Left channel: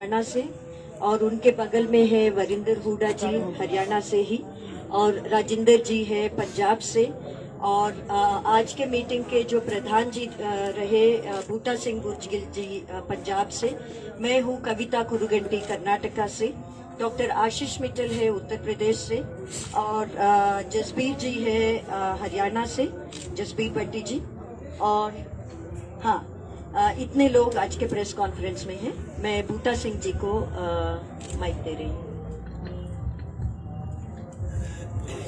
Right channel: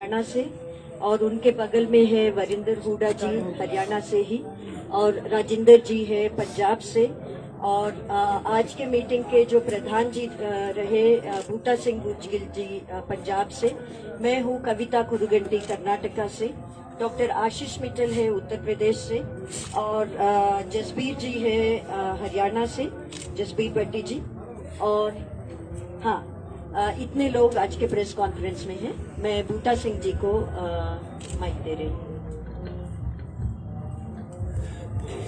हरियाणा से, और उनके बगल में है वरिंदर हुडा जी हरियाणा से ही, और राजेंद्र जी है पंजाब से। और आज के मीटिंग के जो प्रधान जी रहे बूटा सिंह गुर्जगिल जी पंजाब से। मैं हूँ कविता कुरुगंटी कर्नाटका से। डॉक्टर आशीष मित्तल है उत्तर प्रदेश से, और जसबीर जी है हरियाणा से, जसबीर भट्टी जी। और हाँ, इतने लोग आज के प्रेस कॉन्फ्रेंस में हैं। मैं बूटा सिंह जी को माइक दे रही हूँ।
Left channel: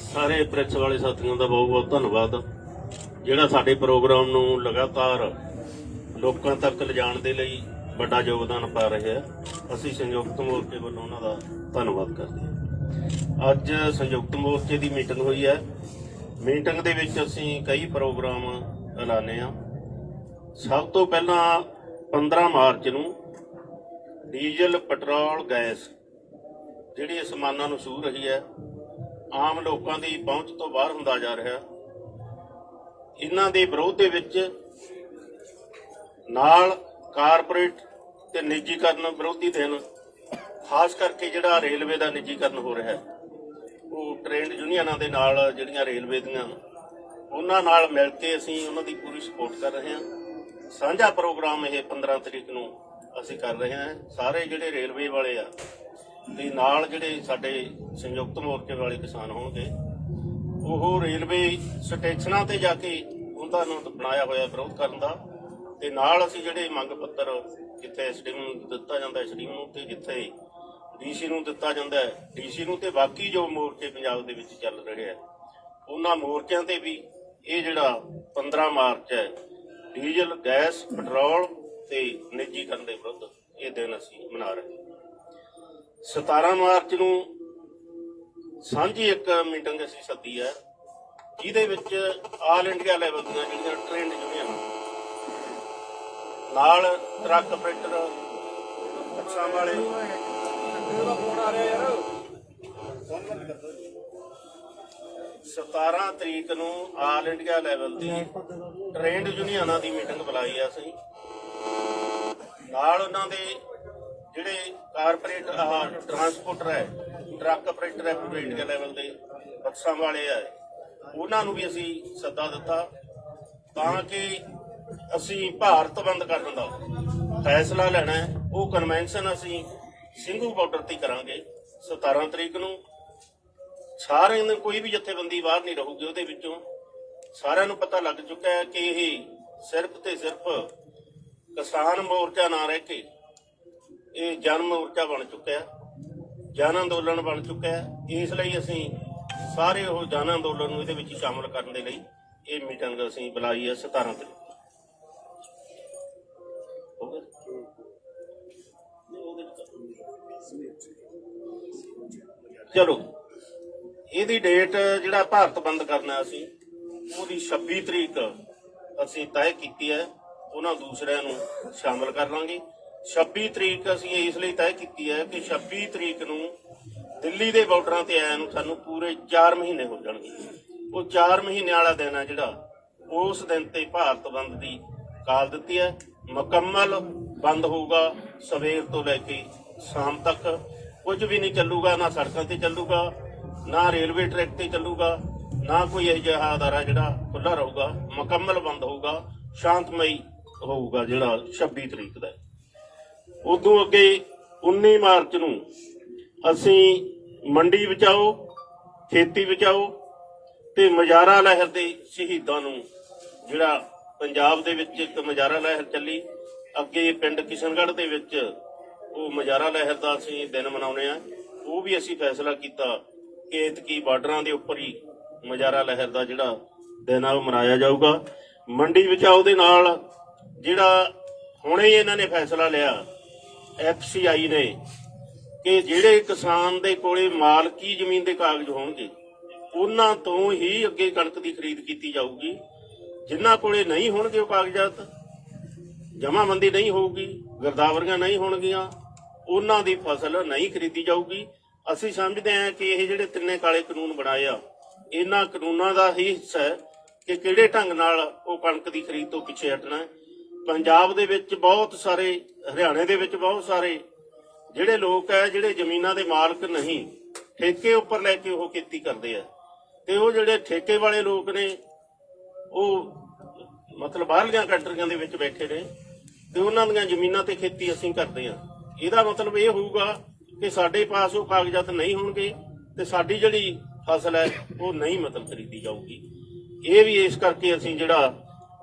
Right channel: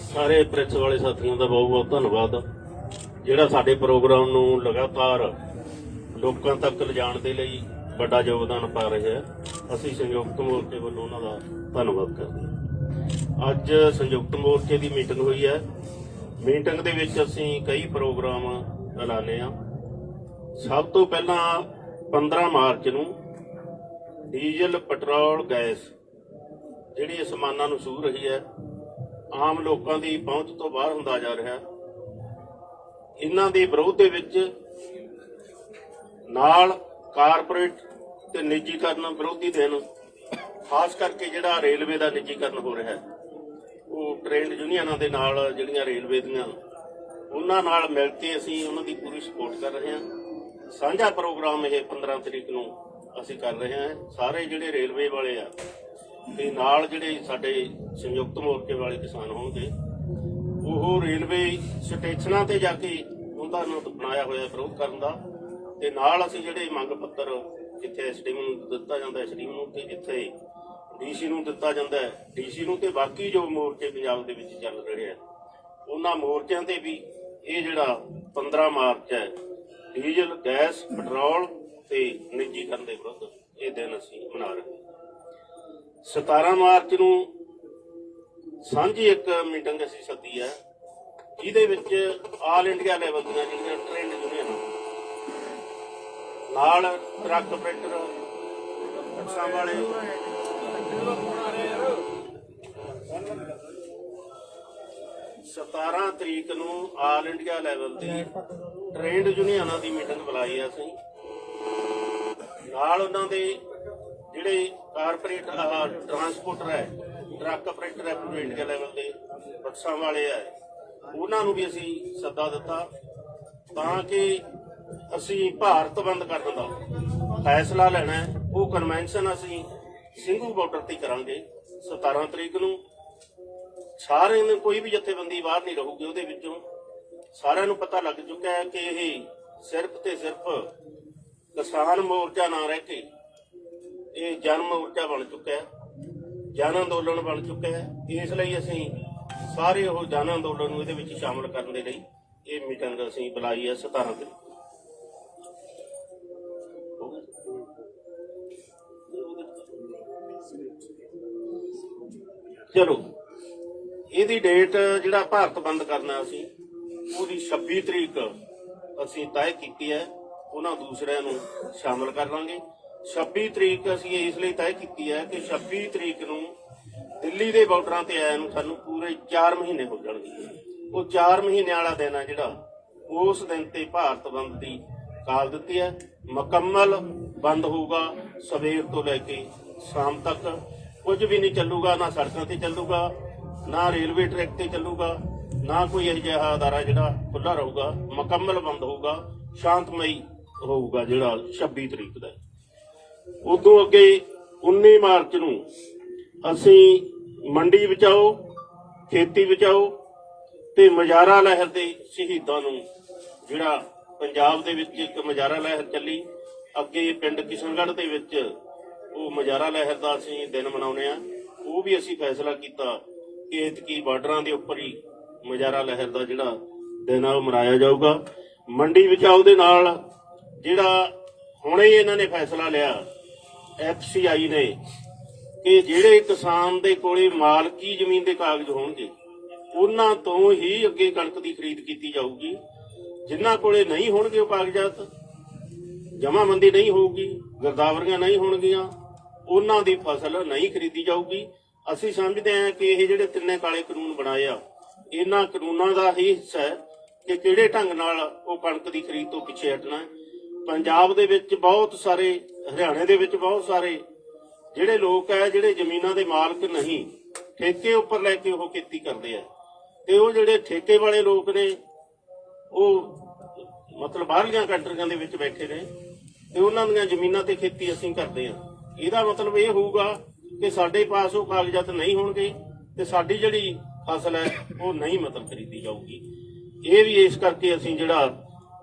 सारे प्रेस वाले साथियों का बहुत बहुत धन्यवाद, ਜਿਹੜਾ ਸਾਡੇ ਪ੍ਰੋਗਰਾਮ ਨੂੰ ਲਗਾਤਾਰ ਲੋਕਾਂ ਤੱਕ ਲਿਜਾਣ ਦੇ ਲਈ ਵੱਡਾ ਯੋਗਦਾਨ ਪਾ ਰਹੇ ਆ। ਅਸੀਂ ਸੰਯੁਕਤ ਮੋਰਚੇ ਵੱਲੋਂ ਉਹਨਾਂ ਦਾ ਧੰਨਵਾਦ ਕਰਦੇ ਹਾਂ। ਅੱਜ ਸੰਯੁਕਤ ਮੋਰਚੇ ਦੀ ਮੀਟਿੰਗ ਹੋਈ ਹੈ। ਮੀਟਿੰਗ ਦੇ ਵਿੱਚ ਅਸੀਂ ਕਈ ਪ੍ਰੋਗਰਾਮ ਐਲਾਨੇ ਆ। ਸਭ ਤੋਂ ਪਹਿਲਾਂ 15 ਮਾਰਚ ਨੂੰ ਡੀਜ਼ਲ, ਪੈਟਰੋਲ, ਗੈਸ ਜਿਹੜੀ ਸਮਾਨਾਂ ਨੂੰ ਛੂਹ ਰਹੀ ਹੈ, ਆਮ ਲੋਕਾਂ ਦੀ ਪਹੁੰਚ ਤੋਂ ਬਾਹਰ ਹੁੰਦਾ ਜਾ ਰਿਹਾ। ਇਹਨਾਂ ਦੇ ਵਿਰੋਧ ਦੇ ਵਿੱਚ ਨਾਲ ਕਾਰਪੋਰੇਟ ਤੇ ਨਿੱਜੀਕਰਨ ਵਿਰੋਧੀ ਦਿਨ, ਖਾਸ ਕਰਕੇ ਜਿਹੜਾ ਰੇਲਵੇ ਦਾ ਨਿੱਜੀਕਰਨ ਹੋ ਰਿਹਾ ਹੈ, ਉਹ ਟ੍ਰੇਡ ਯੂਨੀਅਨਾਂ ਦੇ ਨਾਲ ਜਿਹੜੀਆਂ ਰੇਲਵੇ ਦੀਆਂ, ਉਹਨਾਂ ਨਾਲ ਮਿਲ ਕੇ ਅਸੀਂ ਉਹਨਾਂ ਦੀ ਪੂਰੀ ਸਪੋਰਟ ਕਰ ਰਹੇ ਹਾਂ। ਸਾਂਝਾ ਪ੍ਰੋਗਰਾਮ ਇਹ 15 ਤਰੀਕ ਨੂੰ ਅਸੀਂ ਕਰ ਰਹੇ ਹਾਂ। ਸਾਰੇ ਜਿਹੜੇ ਰੇਲਵੇ ਵਾਲੇ ਆ ਤੇ ਨਾਲ ਜਿਹੜੇ ਸਾਡੇ ਸੰਯੁਕਤ ਮੋਰਚੇ ਵਾਲੇ ਕਿਸਾਨ ਹੋਣਗੇ, ਉਹ ਰੇਲਵੇ ਸਟੇਸ਼ਨਾਂ ਤੇ ਜਾ ਕੇ ਉਹਨਾਂ ਨੂੰ ਬਣਾਇਆ ਹੋਇਆ ਵਿਰੋਧ ਕਰਨ ਦਾ, ਤੇ ਨਾਲ ਅਸੀਂ ਜਿਹੜੇ ਮੰਗ ਪੱਤਰ ਜਿੱਥੇ ਐਸਡੀਐਮ ਨੂੰ ਦਿੱਤਾ ਜਾਂਦਾ ਐਸਡੀਐਮ ਨੂੰ, ਤੇ ਜਿੱਥੇ ਡੀਸੀ ਨੂੰ ਦਿੱਤਾ ਜਾਂਦਾ ਡੀਸੀ ਨੂੰ, ਤੇ ਬਾਕੀ ਜੋ ਮੋਰਚੇ ਪੰਜਾਬ ਦੇ ਵਿੱਚ ਚੱਲ ਰਹੇ ਆ ਉਹਨਾਂ ਮੋਰਚਿਆਂ ਤੇ ਵੀ ਇਹ ਜਿਹੜਾ 15 ਮਾਰਚ ਹੈ ਡੀਜ਼ਲ, ਗੈਸ, ਪੈਟਰੋਲ ਤੇ ਨਿੱਜੀਕਰਨ ਦੇ ਵਿਰੁੱਧ ਇਹ ਦਿਨ ਅਸੀਂ ਮਨਾ ਰਹੇ ਹਾਂ। 17 ਮਾਰਚ ਨੂੰ ਸਾਂਝੀ ਇੱਕ ਮੀਟਿੰਗ ਅਸੀਂ ਸੱਦੀ ਹੈ, ਜਿਹਦੇ ਵਿੱਚ ਆਲ ਇੰਡੀਆ ਲੈਵਲ ਦੀਆਂ ਜਿਹੜੀਆਂ ਟ੍ਰੇਡ ਯੂਨੀਅਨ ਨਾਲ ਟਰੱਕ ਆਪਰੇਟਰ, ਬੱਸਾਂ ਵਾਲੇ, 17 ਤਰੀਕ ਨੂੰ ਆਲ ਇੰਡੀਆ ਲੈਵਲ ਦੀ ਟ੍ਰੇਡ ਯੂਨੀਅਨਾਂ ਦੀ ਮੀਟਿੰਗ ਬੁਲਾਈ ਆ ਅਸੀਂ। ਨਾਲ ਉਹਨਾਂ ਦੇ ਜਿਹੜੇ ਕਾਰਪੋਰੇਟ ਟਰਾਂਸਪੋਰਟਰ ਹੈ, ਟਰੱਕ ਆਪਰੇਟਰ ਹੈ ਪੂਰੇ ਇੰਡੀਆ ਲੈਵਲ ਦੇ, ਬੱਸਾਂ ਵਾਲੇ ਹੈ, ਉਹਨਾਂ ਨੂੰ ਵੀ ਅਸੀਂ ਸੱਦਾ ਦਿੱਤਾ ਤਾਂ ਕਿ ਅਸੀਂ ਭਾਰਤ ਬੰਦ ਕਰਨ ਦਾ ਫੈਸਲਾ ਲੈਣਾ ਹੈ। ਉਹ ਕਨਵੈਨਸ਼ਨ ਅਸੀਂ ਸਿੰਘੂ ਬਾਰਡਰ ਤੇ ਕਰਾਂਗੇ 17 ਤਰੀਕ ਨੂੰ। ਸਾਰਿਆਂ ਨੂੰ, ਕੋਈ ਵੀ ਜਥੇਬੰਦੀ ਬਾਹਰ ਨਹੀਂ ਰਹੂਗੀ ਉਹਦੇ ਵਿੱਚੋਂ। ਸਾਰਿਆਂ ਨੂੰ ਪਤਾ ਲੱਗ ਚੁੱਕਾ ਹੈ ਕਿ ਇਹ ਸਿਰਫ ਤੇ ਸਿਰਫ ਕਿਸਾਨ ਮੋਰਚਾ ਨਾ ਰਹਿ ਕੇ ਇਹ ਜਨ ਮੋਰਚਾ ਬਣ ਚੁੱਕਾ ਹੈ, ਜਨ ਅੰਦੋਲਨ ਬਣ ਚੁੱਕਾ ਹੈ। ਇਸ ਲਈ ਅਸੀਂ ਸਾਰੇ ਉਹ ਜਨ ਅੰਦੋਲਨ ਨੂੰ ਇਹਦੇ ਵਿੱਚ ਸ਼ਾਮਲ ਕਰਨ ਦੇ ਲਈ ਇਹ ਮੀਟਿੰਗ ਅਸੀਂ ਬੁਲਾਈ ਹੈ 17 ਤਰੀਕ। ਚਲੋ, ਇਹਦੀ ਡੇਟ ਜਿਹੜਾ ਭਾਰਤ ਬੰਦ ਕਰਨਾ ਅਸੀਂ ਉਹਦੀ 26 ਤਰੀਕ ਅਸੀਂ ਤੈਅ ਕੀਤੀ ਹੈ। ਉਹਨਾਂ ਦੂਸਰਿਆਂ ਨੂੰ ਸ਼ਾਮਲ ਕਰ ਲਾਂਗੇ। 26 ਤਰੀਕ ਅਸੀਂ ਇਸ ਲਈ ਤੈਅ ਕੀਤੀ ਹੈ ਕਿ 26 ਤਰੀਕ ਨੂੰ ਦਿੱਲੀ ਦੇ ਬਾਰਡਰਾਂ ਤੇ ਆਇਆ ਨੂੰ ਸਾਨੂੰ ਪੂਰੇ 4 ਮਹੀਨੇ ਹੋ ਜਾਣਗੇ। ਉਹ 4 ਮਹੀਨੇ ਵਾਲਾ ਦਿਨ ਹੈ ਜਿਹੜਾ, ਉਸ ਦਿਨ ਤੇ ਭਾਰਤ ਬੰਦ ਦੀ ਕਾਲ ਦਿੱਤੀ ਹੈ। ਮੁਕੰਮਲ ਬੰਦ ਹੋਊਗਾ, ਸਵੇਰ ਤੋਂ ਲੈ ਕੇ ਸ਼ਾਮ ਤੱਕ ਕੁਝ ਵੀ ਨਹੀਂ ਚੱਲੂਗਾ, ਨਾ ਸੜਕਾਂ ਤੇ ਚੱਲੂਗਾ, ਨਾ ਰੇਲਵੇ ਟਰੈਕ ਤੇ ਚੱਲੂਗਾ, ਨਾ ਕੋਈ ਇਹੋ ਜਿਹਾ ਅਦਾਰਾ ਜਿਹੜਾ ਖੁੱਲਾ ਰਹੂਗਾ। ਮੁਕੰਮਲ ਬੰਦ ਹੋਊਗਾ, ਸ਼ਾਂਤਮਈ ਹੋਊਗਾ ਜਿਹੜਾ 26 ਤਰੀਕ ਦਾ। ਉਦੋਂ ਅੱਗੇ 19 ਮਾਰਚ ਨੂੰ ਅਸੀਂ ਮੰਡੀ ਬਚਾਓ, ਖੇਤੀ ਬਚਾਓ ਤੇ ਮੁਜ਼ਾਹਰਾ ਲਹਿਰ ਦੇ ਸ਼ਹੀਦਾਂ ਨੂੰ, ਜਿਹੜਾ ਪੰਜਾਬ ਦੇ ਵਿੱਚ ਇੱਕ ਮੁਜ਼ਾਹਰਾ ਲਹਿਰ ਚੱਲੀ, ਅੱਗੇ ਪਿੰਡ ਕਿਸ਼ਨਗੜ੍ਹ ਦੇ ਵਿੱਚ ਉਹ ਮੁਜ਼ਾਹਰਾ ਲਹਿਰ ਦਾ ਅਸੀਂ ਦਿਨ ਮਨਾਉਂਦੇ ਆ। ਉਹ ਵੀ ਅਸੀਂ ਫੈਸਲਾ ਕੀਤਾ ਕਿ ਐਤਕੀ ਬਾਰਡਰਾਂ ਦੇ ਉੱਪਰ ਹੀ ਮੁਜ਼ਾਹਰਾ ਲਹਿਰ ਦਾ ਜਿਹੜਾ ਦਿਨ ਆ ਉਹ ਮਨਾਇਆ ਜਾਊਗਾ। ਮੰਡੀ ਬਚਾਓ ਦੇ ਨਾਲ ਜਿਹੜਾ ਹੁਣੇ ਇਹਨਾਂ ਨੇ ਫੈਸਲਾ ਲਿਆ FCI ਨੇ ਕਿ ਜਿਹੜੇ ਕਿਸਾਨ ਦੇ ਕੋਲੇ ਮਾਲਕੀ ਜ਼ਮੀਨ ਦੇ ਕਾਗਜ਼ ਹੋਣਗੇ ਉਹਨਾਂ ਤੋਂ ਹੀ ਅੱਗੇ ਕਣਕ ਦੀ ਖਰੀਦ ਕੀਤੀ ਜਾਊਗੀ। ਜਿਨ੍ਹਾਂ ਕੋਲੇ ਨਹੀਂ ਹੋਣਗੇ ਉਹ ਕਾਗਜ਼ਾਤ, ਜਮਾਬੰਦੀ ਨਹੀਂ ਹੋਊਗੀ, ਗਿਰਦਾਵਰੀਆਂ ਨਹੀਂ ਹੋਣਗੀਆਂ, ਉਹਨਾਂ ਦੀ ਫਸਲ ਨਹੀਂ ਖਰੀਦੀ ਜਾਊਗੀ। ਅਸੀਂ ਸਮਝਦੇ ਹਾਂ ਕਿ ਇਹ ਜਿਹੜੇ ਤਿੰਨੇ ਕਾਲੇ ਕਾਨੂੰਨ ਬਣਾਏ ਆ, ਇਹਨਾਂ ਕਾਨੂੰਨਾਂ ਦਾ ਹੀ ਹਿੱਸਾ ਹੈ ਕਿ ਕਿਹੜੇ ਢੰਗ ਨਾਲ ਉਹ ਕਣਕ ਦੀ ਖਰੀਦ ਤੋਂ ਪਿੱਛੇ ਹਟਣਾ। ਪੰਜਾਬ ਦੇ ਵਿੱਚ ਬਹੁਤ ਸਾਰੇ, ਹਰਿਆਣੇ ਦੇ ਵਿੱਚ ਬਹੁਤ ਸਾਰੇ ਜਿਹੜੇ ਲੋਕ ਹੈ ਜਿਹੜੇ ਜ਼ਮੀਨਾਂ ਦੇ ਮਾਲਕ ਨਹੀਂ, ਠੇਕੇ ਉੱਪਰ ਲੈ ਕੇ ਉਹ ਖੇਤੀ ਕਰਦੇ ਆ, ਤੇ ਉਹ ਜਿਹੜੇ ਠੇਕੇ ਵਾਲੇ ਲੋਕ ਨੇ ਉਹ ਮਤਲਬ ਬਾਹਰਲੀਆਂ ਕੰਟਰੀਆਂ ਦੇ ਵਿੱਚ ਬੈਠੇ ਨੇ ਤੇ ਉਹਨਾਂ ਦੀਆਂ ਜ਼ਮੀਨਾਂ ਤੇ ਖੇਤੀ ਅਸੀਂ ਕਰਦੇ ਆ। ਇਹਦਾ ਮਤਲਬ ਇਹ ਹੋਊਗਾ ਕਿ ਸਾਡੇ ਪਾਸ ਉਹ ਕਾਗਜ਼ਾਤ ਨਹੀਂ ਹੋਣਗੇ ਤੇ ਸਾਡੀ ਜਿਹੜੀ ਫਸਲ ਹੈ ਉਹ ਨਹੀਂ ਮਤਲਬ ਖਰੀਦੀ ਜਾਊਗੀ। ਇਹ ਵੀ ਇਸ ਕਰਕੇ ਅਸੀਂ ਜਿਹੜਾ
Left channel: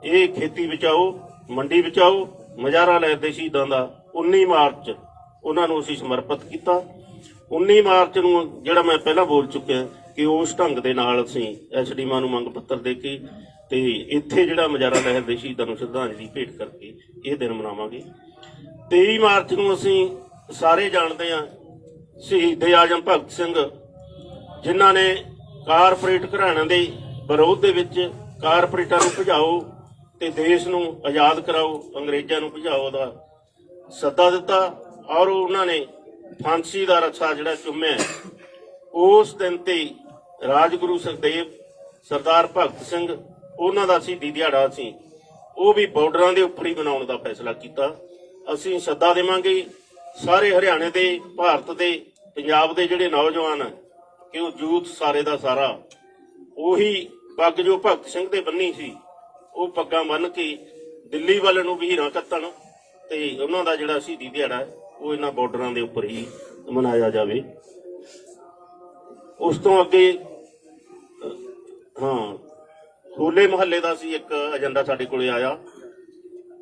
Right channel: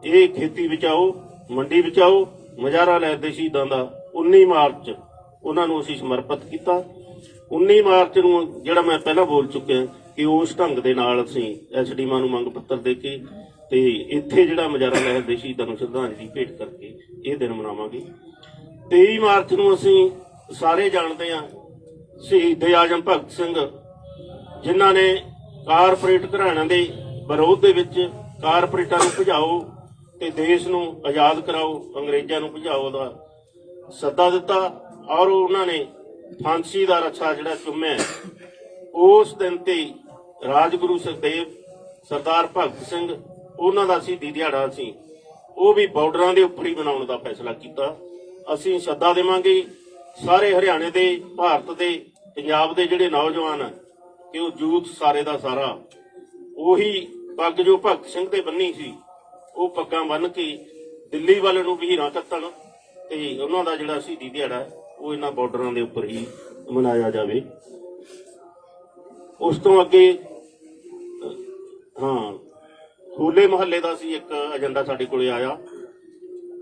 ਇਹ ਖੇਤੀ ਬਚਾਓ ਮੰਡੀ ਬਚਾਓ ਮੁਜ਼ਾਹਰਾ ਲਹਿਰ ਦੇ ਸ਼ਹੀਦਾਂ ਦਾ 19 ਮਾਰਚ ਉਹਨਾਂ ਨੂੰ ਅਸੀਂ ਸਮਰਪਿਤ ਕੀਤਾ। 19 ਮਾਰਚ ਨੂੰ ਜਿਹੜਾ ਮੈਂ ਪਹਿਲਾਂ ਬੋਲ ਚੁੱਕਿਆ ਕਿ ਉਸ ਢੰਗ ਦੇ ਨਾਲ ਅਸੀਂ ਐਸਡੀਐਮ ਨੂੰ ਮੰਗ ਪੱਤਰ ਦੇ ਕੇ ਤੇ ਇੱਥੇ ਜਿਹੜਾ ਮੁਜ਼ਾਹਰਾ ਲਹਿਰ ਦੇ ਸ਼ਹੀਦਾਂ ਨੂੰ ਸ਼ਰਧਾਂਜਲੀ ਭੇਟ ਕਰਕੇ ਇਹ ਦਿਨ ਮਨਾਵਾਂਗੇ। 23 ਮਾਰਚ ਨੂੰ ਅਸੀਂ ਸਾਰੇ ਜਾਣਦੇ ਹਾਂ ਸ਼ਹੀਦ ਆਜ਼ਮ ਭਗਤ ਸਿੰਘ, ਜਿਨ੍ਹਾਂ ਨੇ ਕਾਰਪੋਰੇਟ ਘਰਾਣਿਆਂ ਦੇ ਵਿਰੋਧ ਦੇ ਵਿੱਚ ਕਾਰਪੋਰੇਟਾਂ ਨੂੰ ਭਜਾਓ ਤੇ ਦੇਸ਼ ਨੂੰ ਆਜ਼ਾਦ ਕਰਾਓ, ਅੰਗਰੇਜ਼ਾਂ ਨੂੰ ਭਜਾਓ ਦਾ ਸੱਦਾ ਦਿੱਤਾ ਔਰ ਉਹਨਾਂ ਨੇ ਫਾਂਸੀ ਦਾ ਰੱਸਾ ਜਿਹੜਾ ਚੁੰਮਿਆ। ਉਸ ਦਿਨ ਤੇ ਰਾਜਗੁਰੂ ਸੁਖਦੇਵ, ਸਰਦਾਰ ਭਗਤ ਸਿੰਘ, ਉਹਨਾਂ ਦਾ ਸ਼ਹੀਦੀ ਦਿਹਾੜਾ ਸੀ, ਉਹ ਵੀ ਬਾਰਡਰਾਂ ਦੇ ਉੱਪਰ ਹੀ ਬਣਾਉਣ ਦਾ ਫੈਸਲਾ ਕੀਤਾ। ਅਸੀਂ ਸੱਦਾ ਦੇਵਾਂਗੇ ਸਾਰੇ ਹਰਿਆਣੇ ਦੇ, ਭਾਰਤ ਦੇ, ਪੰਜਾਬ ਦੇ ਜਿਹੜੇ ਨੌਜਵਾਨ ਹੈ ਕਿ ਉਹ ਯੂਥ ਸਾਰੇ ਦਾ ਸਾਰਾ ਉਹੀ ਪੱਗ ਜੋ ਭਗਤ ਸਿੰਘ ਦੇ ਬੰਨੀ ਸੀ ਉਹ ਪੱਗਾਂ ਬੰਨ੍ਹ ਕੇ ਦਿੱਲੀ ਵੱਲ ਨੂੰ ਵੀਰਾਂ ਕੱਤਣ ਤੇ ਉਹਨਾਂ ਦਾ ਜਿਹੜਾ ਸ਼ਹੀਦੀ ਦਿਹਾੜਾ ਉਹ ਇਹਨਾਂ ਬਾਰਡਰਾਂ ਦੇ ਉੱਪਰ ਹੀ ਮਨਾਇਆ ਜਾਵੇ। ਉਸ ਤੋਂ ਅੱਗੇ ਹੋਲੇ ਮਹੱਲੇ ਦਾ ਸੀ ਇੱਕ ਏਜੰਡਾ ਸਾਡੇ ਕੋਲੇ ਆਇਆ।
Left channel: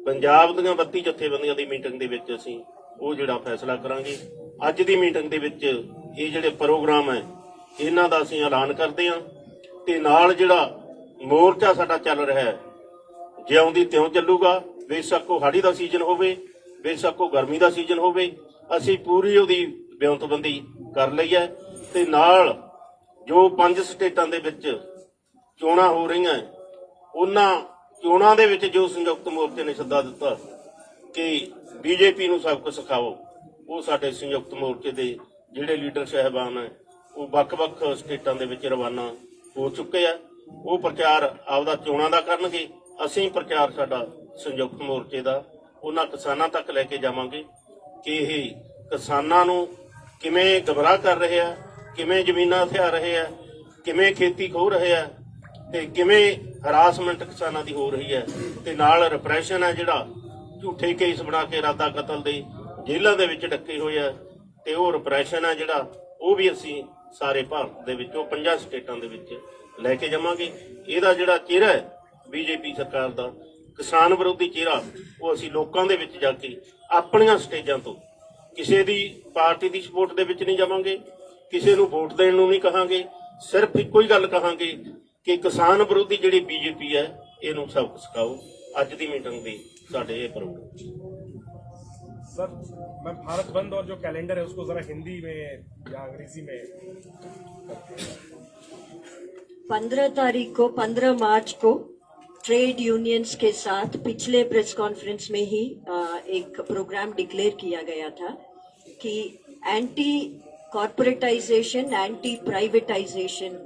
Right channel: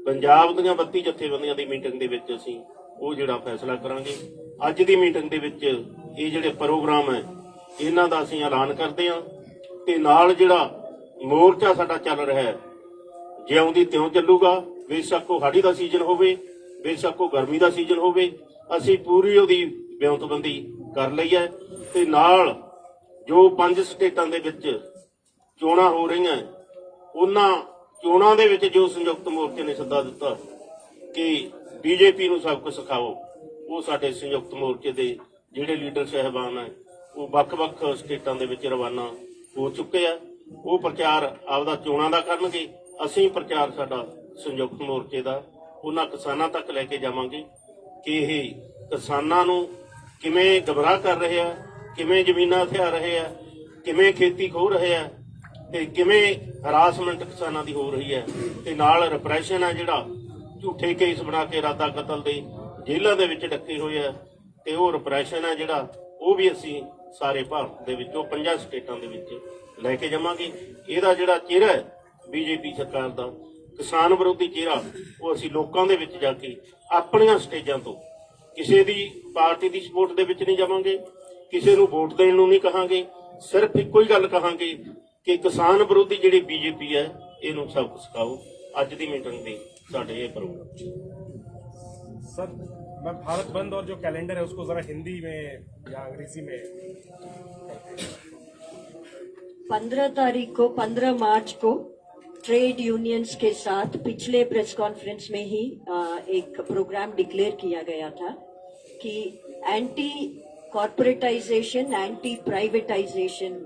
ਪੰਜਾਬ ਦੀਆਂ 32 ਜਥੇਬੰਦੀਆਂ ਦੀ ਮੀਟਿੰਗ ਦੇ ਵਿੱਚ ਅਸੀਂ ਉਹ ਜਿਹੜਾ ਫੈਸਲਾ ਕਰਾਂਗੇ। ਅੱਜ ਦੀ ਮੀਟਿੰਗ ਦੇ ਵਿੱਚ ਇਹ ਜਿਹੜੇ ਪ੍ਰੋਗਰਾਮ ਹੈ ਇਹਨਾਂ ਦਾ ਅਸੀਂ ਐਲਾਨ ਕਰਦੇ ਹਾਂ ਤੇ ਨਾਲ ਜਿਹੜਾ ਮੋਰਚਾ ਸਾਡਾ ਚੱਲ ਰਿਹਾ ਹੈ ਜਿਉਂ ਦੀ ਤਿਉਂ ਚੱਲੂਗਾ। ਬੇਸ਼ੱਕ ਉਹ ਹਾੜੀ ਦਾ ਸੀਜ਼ਨ ਹੋਵੇ, ਬੇਸ਼ੱਕ ਉਹ ਗਰਮੀ ਦਾ ਸੀਜ਼ਨ ਹੋਵੇ, ਅਸੀਂ ਪੂਰੀ ਉਹਦੀ ਬਿਆਨਤਬੰਦੀ ਕਰ ਲਈ ਹੈ। ਤੇ ਨਾਲ ਜੋ 5 ਸਟੇਟਾਂ ਦੇ ਵਿੱਚ ਚੋਣਾਂ ਹੋ ਰਹੀਆਂ ਉਹਨਾਂ ਚੋਣਾਂ ਦੇ ਵਿੱਚ ਜੋ ਸੰਯੁਕਤ ਮੋਰਚੇ ਨੇ ਸੱਦਾ ਦਿੱਤਾ ਕਿ ਬੀਜੇਪੀ ਨੂੰ ਸਬਕ ਸਿਖਾਓ, ਉਹ ਸਾਡੇ ਸੰਯੁਕਤ ਮੋਰਚੇ ਦੇ ਜਿਹੜੇ ਲੀਡਰ ਸਾਹਿਬਾਨ ਹੈ ਉਹ ਵੱਖ-ਵੱਖ ਸਟੇਟਾਂ ਦੇ ਵਿੱਚ ਰਵਾਨਾ ਹੋ ਚੁੱਕੇ ਆ। ਉਹ ਪ੍ਰਚਾਰ ਆਪਦਾ ਚੋਣਾਂ ਦਾ ਕਰਨਗੇ, ਅਸੀਂ ਪ੍ਰਚਾਰ ਸਾਡਾ ਸੰਯੁਕਤ ਮੋਰਚੇ ਦਾ ਉਹਨਾਂ ਕਿਸਾਨਾਂ ਤੱਕ ਲੈ ਕੇ ਜਾਵਾਂਗੇ ਕਿ ਇਹ ਕਿਸਾਨਾਂ ਨੂੰ ਕਿਵੇਂ ਗਮਰਾਹ ਕਰ ਰਹੇ ਆ, ਕਿਵੇਂ ਜ਼ਮੀਨਾਂ ਹਥਿਆ ਰਹੇ ਆ, ਕਿਵੇਂ ਖੇਤੀ ਖੋਹ ਰਹੇ ਆ ਤੇ ਕਿਵੇਂ ਹਰਾਸਮੈਂਟ ਕਿਸਾਨਾਂ ਦੀ ਹੋ ਰਹੀ ਹੈ ਤੇ ਨਾਲ ਰਿਪਰੈਸ਼ਨ ਹੈ ਜਿਹੜਾ ਝੂਠੇ ਕੇਸ ਬਣਾ ਕੇ ਇਰਾਦਾ ਕਤਲ ਦੇ ਜੇਲ੍ਹਾਂ ਦੇ ਵਿੱਚ ਡੱਕੇ ਹੋਏ ਆ ਤੇ ਉਹ ਰਿਪਰੈਸ਼ਨ ਹੈ ਜਿਹੜਾ ਉਹ ਵੀ ਅਸੀਂ ਸਾਰੇ ਭਾਰਤ ਦੇ ਵਿੱਚੋਂ 5 ਸਟੇਟਾਂ ਦੇ ਵਿੱਚ ਲੈ ਕੇ ਜਾਵਾਂਗੇ। ਇਹਦਾ ਜਿਹੜਾ ਚਿਹਰਾ ਹੈ ਬੀਜੇਪੀ ਸਰਕਾਰ ਦਾ ਕਿਸਾਨ ਵਿਰੋਧੀ ਚਿਹਰਾ ਉਹ ਅਸੀਂ ਲੋਕਾਂ ਦੇ ਵਿੱਚ ਜਾ ਕੇ ਆਪਣੀਆਂ ਸਟੇਜਾਂ ਤੋਂ ਕਿਸੇ ਦੀ ਪਾਰਟੀ ਦੀ ਸਪੋਰਟ ਦੇ ਵਿੱਚ ਨਹੀਂ ਜਾਵਾਂਗੇ, ਕਿਸੇ ਨੂੰ ਵੋਟ ਦੇਣ ਨੂੰ ਨਹੀਂ ਕਹਾਂਗੇ, ਸਿਰਫ ਇੱਕੋ ਹੀ ਗੱਲ ਕਹਾਂਗੇ ਕਿ ਕਿਸਾਨ ਵਿਰੋਧੀ ਜਿਹੜੀ ਬੀਜੇਪੀ ਹੈ ਇਹਨੂੰ ਸਬਕ ਸਿਖਾਓ। ਅੱਜ ਦੀ ਮੀਟਿੰਗ ਦੇ ਸਾਡੇ ਇਹ ਪ੍ਰੋਗਰਾਮ। सर, मैं भारत बंद और जो कैलेंडर है उसको जरा हिंदी में या अंग्रेजी में 15 मार्च को ट्रेड यूनियंस के साथ पिछले प्रेस कॉन्फ्रेंस में ही एक प्रोग्राम डिक्लेयर किया गया था कि एंटी कॉर्पोरेटाइजेशन, एंटी प्राइवेटाइजेशन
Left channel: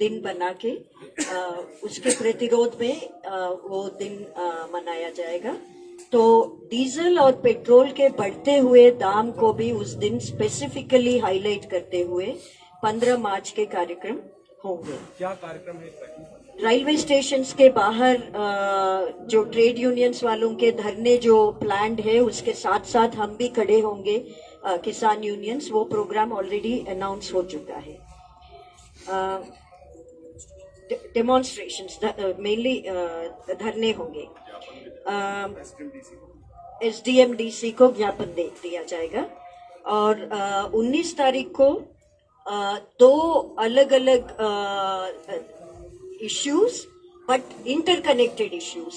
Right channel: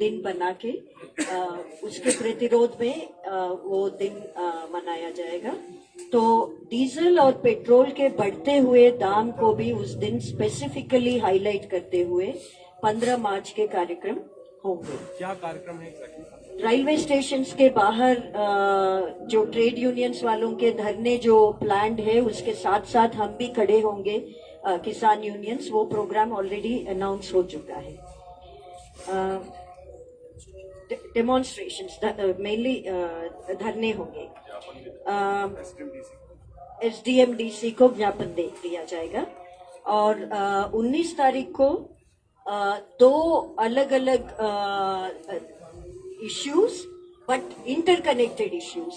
दिन बना के उसके प्रतिरोध में वो दिन मनाया जाएगा। तो डीजल और पेट्रोल के बढ़ते हुए दाम को भी उस दिन स्पेसिफिकली हाईलाइट करते हुए 15 मार्च के कार्यक्रम होंगे। क्या कार्यक्रम है? रेलवे स्टेशन के बाहर जो ट्रेड यूनियंस वालों के धरने जो प्लान्ड है उसके साथ साथ हम भी खड़े होंगे, किसान यूनियंस। वो प्रोग्राम ऑलरेडी अनाउंस हो चुका है। डेमोन्स्ट्रेशंस मेनली धरने होंगे। SDMDC को ज्ञापन दे दिया जाएगा और 19 तारीख को 2 अलग अलग इश्यूज बट इंटरकनेक्टेड इश्यूज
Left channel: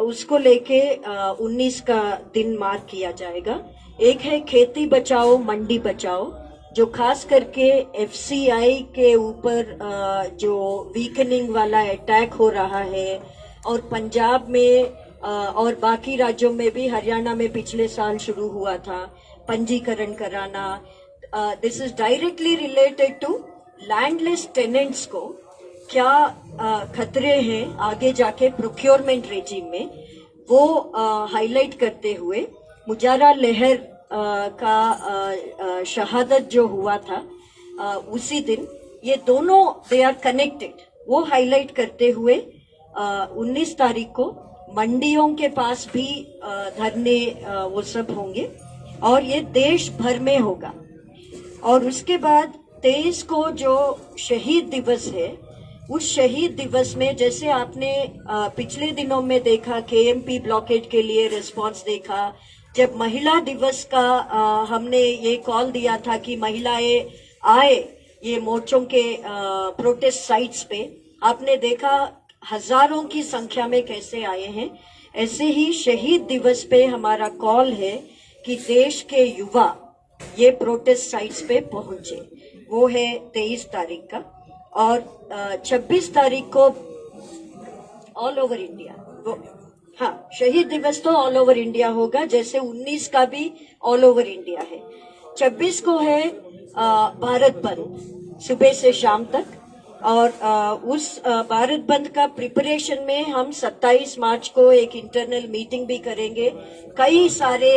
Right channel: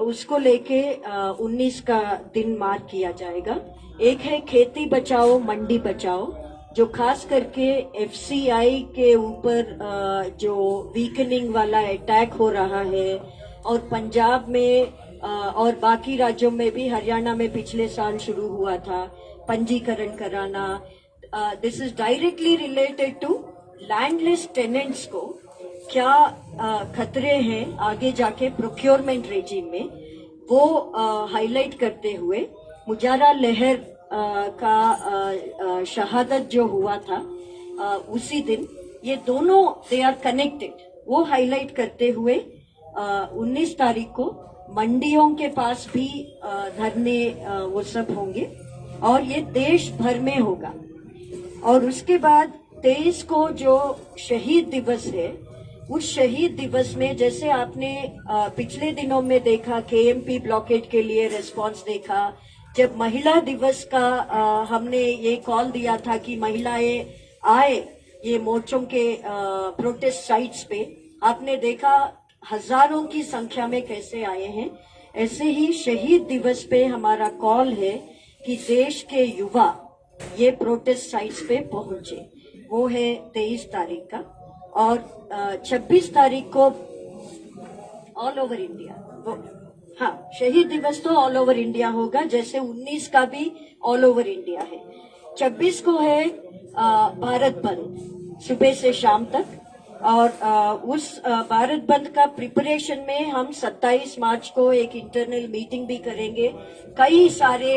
उसको लेके 19 का दिन मार्क किया जाएगा। एक है खेती बचाओ मंडी बचाओ, जो खास करके FCI के ऊपर जो वीकनिंग वाला अटैक हो रहा है और पंजाब में और बाकी राज्यों में भी, हरियाणा में पिछले साल शुरू हुआ था पंजीकरण कराना। This is directly related to landless tenants को क्या खतरे हैं आगे जाके प्रोक्योरमेंट रेजिम में, वो हाईलाइट करते हुए मुजाहरा लहर का शहादत जो हुआ था उसी दिन, ये दोनों दे आर कनेक्टेड, वो हाईलाइट करते हुए 19 तारीख को मंडियों के पास भी धरने वो सब होंगे और ये देश भर में होगा। और उसके बाद 23 को जो शहीद दिवस है, उस शहीद दिवस में जैसे आपने पिछले दिनों में देखा केएमपी ब्लॉकेट के लिए रिस्पांस देखा, जब महिला दिवस का हमने ये कॉल दिया था कि महिलाएं आए ये मोर्चों के प्रोटेस्ट साइट्स पे, आपने देखा हजारों की संख्या में कैसे आए हैं। ऐसे ही शहीद दिवस पे हमारा कॉल है कि देश के युवा ये प्रोटेस्ट साइट्स पे पहुंचे, वो है 23 तारीख का। और 26 तारीख को ऑल ओवर इंडिया, हाँ शहीद दिवस तो ऑल ओवर इंडिया होगा, जैसे 19 का भी ऑल ओवर इंडिया है। 26 को है भारत बंद सुबह से शाम तक, और उस भारत बंद का प्रिपरेशन में हम 27 मार्च को एक इंटरनल मीटिंग भी करेंगे, कई सारे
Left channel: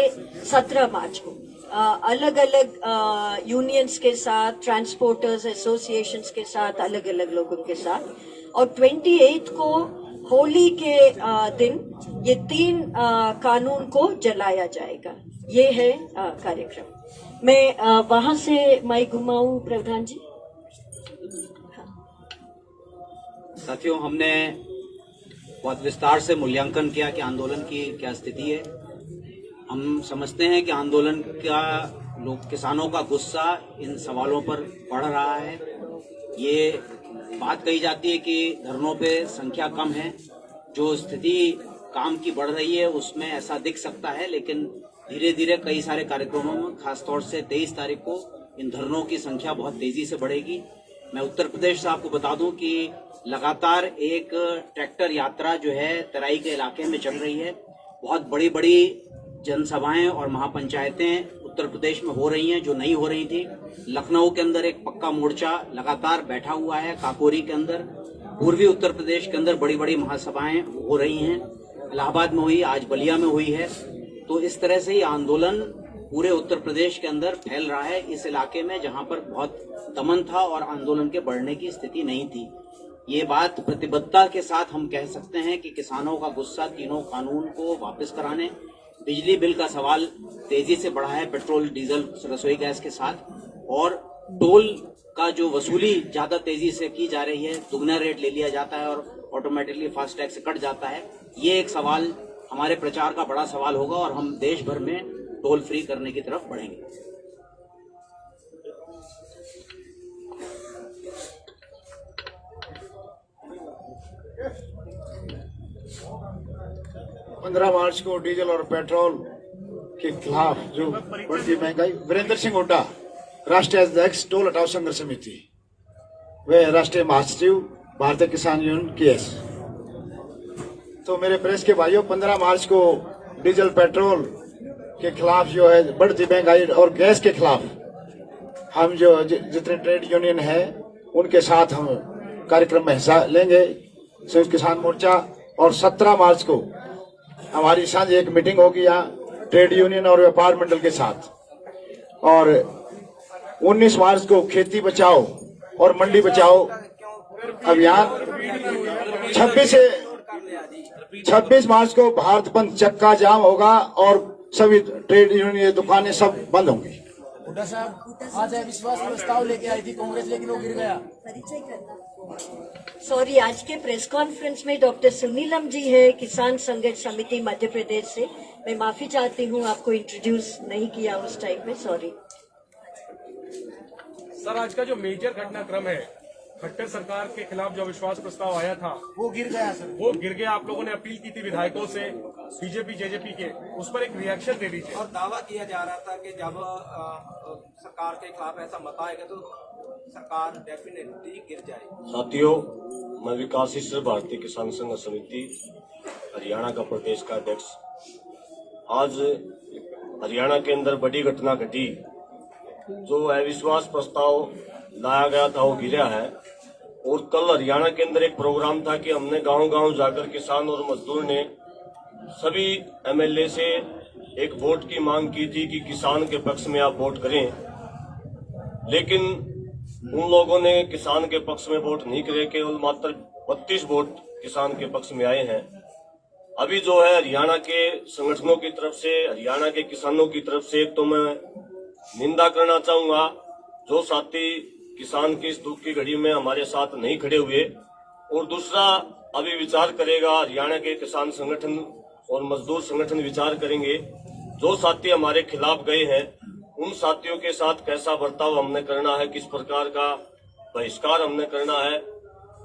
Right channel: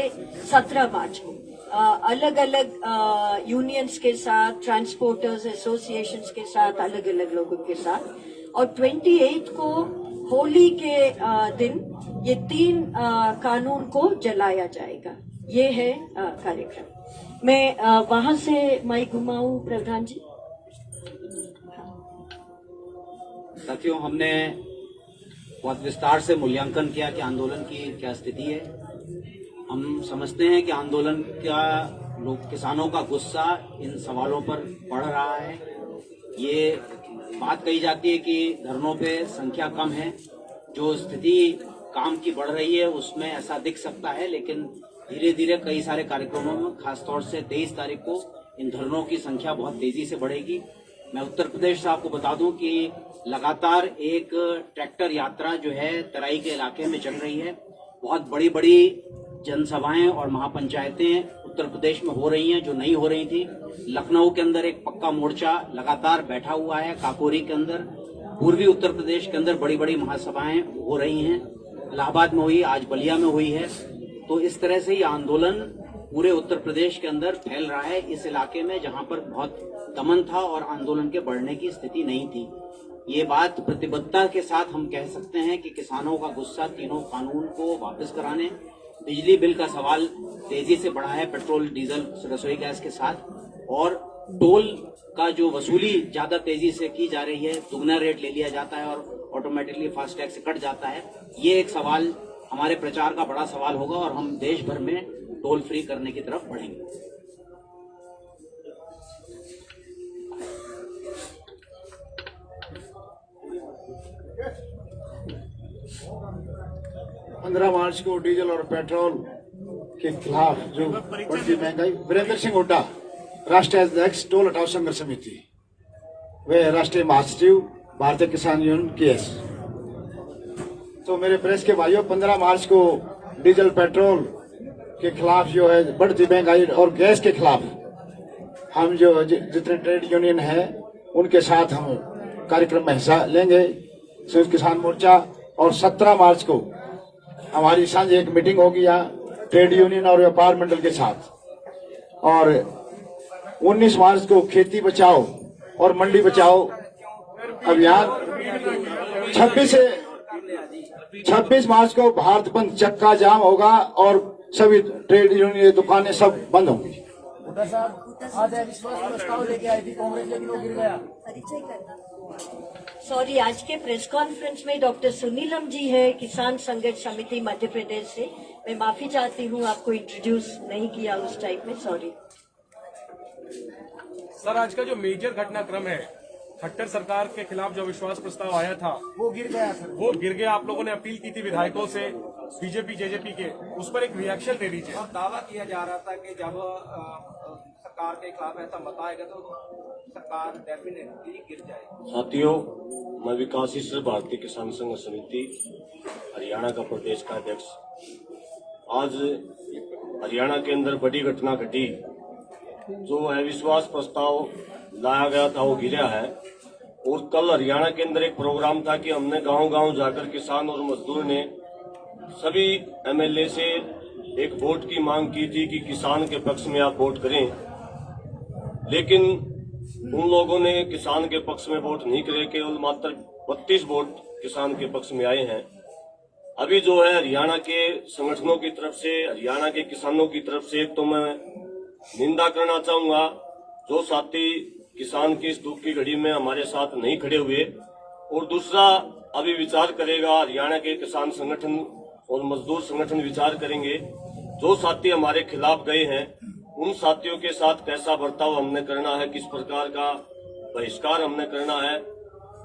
17 मार्च को अलग अलग यूनियंस के साथ, ट्रांसपोर्टर्स एसोसिएशंस के साथ, अलग अलग लोगों के साथ, और 28 को होली के दिन ये 3 कानून को जलाया जाएगा। ये है कार्यक्रम। मैं वहां से माइक घुमाऊं प्रधान जी। साथियों, हमने बहुत विस्तार से मूल्यांकन किया कि आंदोलन की क्या स्थिति है। हम समझते हैं कि आंदोलन का किसानों का गुस्सा इन सवालों पर बढ़ रहा है। ये बात कही जाती है कि धरनों पे संख्या कम है, जो स्थिति काम की बढ़ रही है उसमें ऐसा दिख सकता है, लेकिन धीरे धीरे कई सारे कार्यक्रमों में, खासतौर से 23 तारीख को इन धरनों की संख्या बहुत तेजी से बढ़ेगी। मैं उत्तर प्रदेश से आपको बता दूं कि लगातार एक ट्रैक्टर यात्रा जो है तराई के इलाके में चल रही है। बहुत बड़ी बड़ी जनसभाएं और महापंचायतें उत्तर प्रदेश में हो रही हैं जो नहीं हो रही थी। लखनऊ के अंदर एक पक्का मोर्चा लगातार बैठा हुआ है, काकोरी के अंदर, पूर्वी उत्तर प्रदेश के अंदर बड़ी बड़ी महासभाएं हो रही हैं, इलाहाबाद में हुई, आज बलिया में हुई है। तो इस तरह से ये आंदोलन पूरे उत्तर प्रदेश के अंदर फैल रहा है, इस इलाके में जहां पर बहुत दमन था और आंदोलन के बढ़ने की स्थिति नहीं थी। ये बात प्रतिबद्धता के साथ हम कह सकते हैं कि किसानों का गुस्सा तीनों कानून को वापस कराने, बिजली बिल का सवाल तेजी से बढ़ा है पेट्रोल डीजल रसोई गैस के साथ, और टोल का जो वसूली ज्यादा तेजी से की जा रही है, दुगना रेट ले लिया जाता है और ऑटोमेटिकली फास्टैग से कट जाता है। ये एक सवाल हमारे प्रचार का बड़ा सवाल होगा और हम देश भर में टोल फ्री करने की तरफ बढ़ेंगे। पंद्रह मार्च को डीजल और पेट्रोल के खिलाफ जो बढ़ती महंगाई, वीरेंद्र सिंह हुड्डा, राष्ट्रीय अध्यक्ष टोल हटाओ संघर्ष समिति, वे राष्ट्रीय महासचिव भारतीय किसान यूनियन केएस। तो मेरे प्रेस के भाइयों, 15 मार्च को डीजल पेट्रोल के खिलाफ जो है बढ़ती महंगाई और गैस के खिलाफ हम जो जितने ट्रेड यूनियन है उनके साथ हम कार्यक्रम में हिस्सा लेंगे, संयुक्त किसान मोर्चा। और 17 मार्च को हमारी सांझ एक मीटिंग होगी यहाँ ट्रेड यूनियन और व्यापार मंडल के साथ। और 19 मार्च को खेती बचाओ और मंडी बचाओ अभियान। 26 मार्च को भारत बंद चक्का जाम होगा और सभी ट्रेड यूनियन दुकानें सब बंद होंगी। हुड्डा साहब आज अविश्वास प्रस्ताव लेके आई थी कांग्रेस, लेकिन वो गिर गया। परिचय करना सॉरी, आज के प्रेस कॉन्फ्रेंस में डॉक्टर सुनीलम जी है, किसान संघर्ष समिति मध्य प्रदेश से। मैं माफी चाहती हूँ, आपको इंट्रोड्यूस नहीं किया उस टाइप में, सॉरी। सर, आज का जो मेजर घटनाक्रम है, खट्टर सरकार के खिलाफ जो अविश्वास प्रस्ताव आया था वो गिर गया सर, वो गिर गया। आप लोगों ने अपील की थी विधायकों से, बीजेपी जेजेपी के, उस पर एक रिएक्शन दे दीजिए। और दावा किया जा रहा था कि जब सरकार के खिलाफ ऐसा मत आएगा तो सरकार डेफिनेटली गिर जाएगी। साथियों, मैं विकासशील भारतीय किसान संघ समिति हरियाणा का प्रदेश का अध्यक्ष। आज हरियाणा के अंदर बड़ी घटना घटी, जो अविश्वास प्रस्ताव लाया गया था वो गिरा है। और कल हरियाणा के अंदर एक प्रोग्राम था कि हमने गांव-गांव जाकर किसान और मजदूर ने सभी एमएलए से एक वोट की मांग की थी कि किसान के पक्ष में आप वोट करें, लेकिन उन लोगों ने किसान के पक्ष में वोट नहीं करे, केवल मात्र 32 वोट किसान के पक्ष में आए हैं। अभी जो है हरियाणा के संगठनों की तरफ से, हरियाणा के किसानों की तरफ से तो मैं निंदा करना चाहूंगा, जो साथी किसान की इस दुख की घड़ी में हमारे साथ नहीं खड़े हुए। और दूसरा, अभी विचार करेगा हरियाणा के किसान संगठन और मजदूर संगठन विचार करेंगे, जो साथी हमारे खिलाफ गए हैं उन साथियों के साथ कैसा बर्ताव हमने करना है, किस प्रकार का बहिष्कार हमने करना है।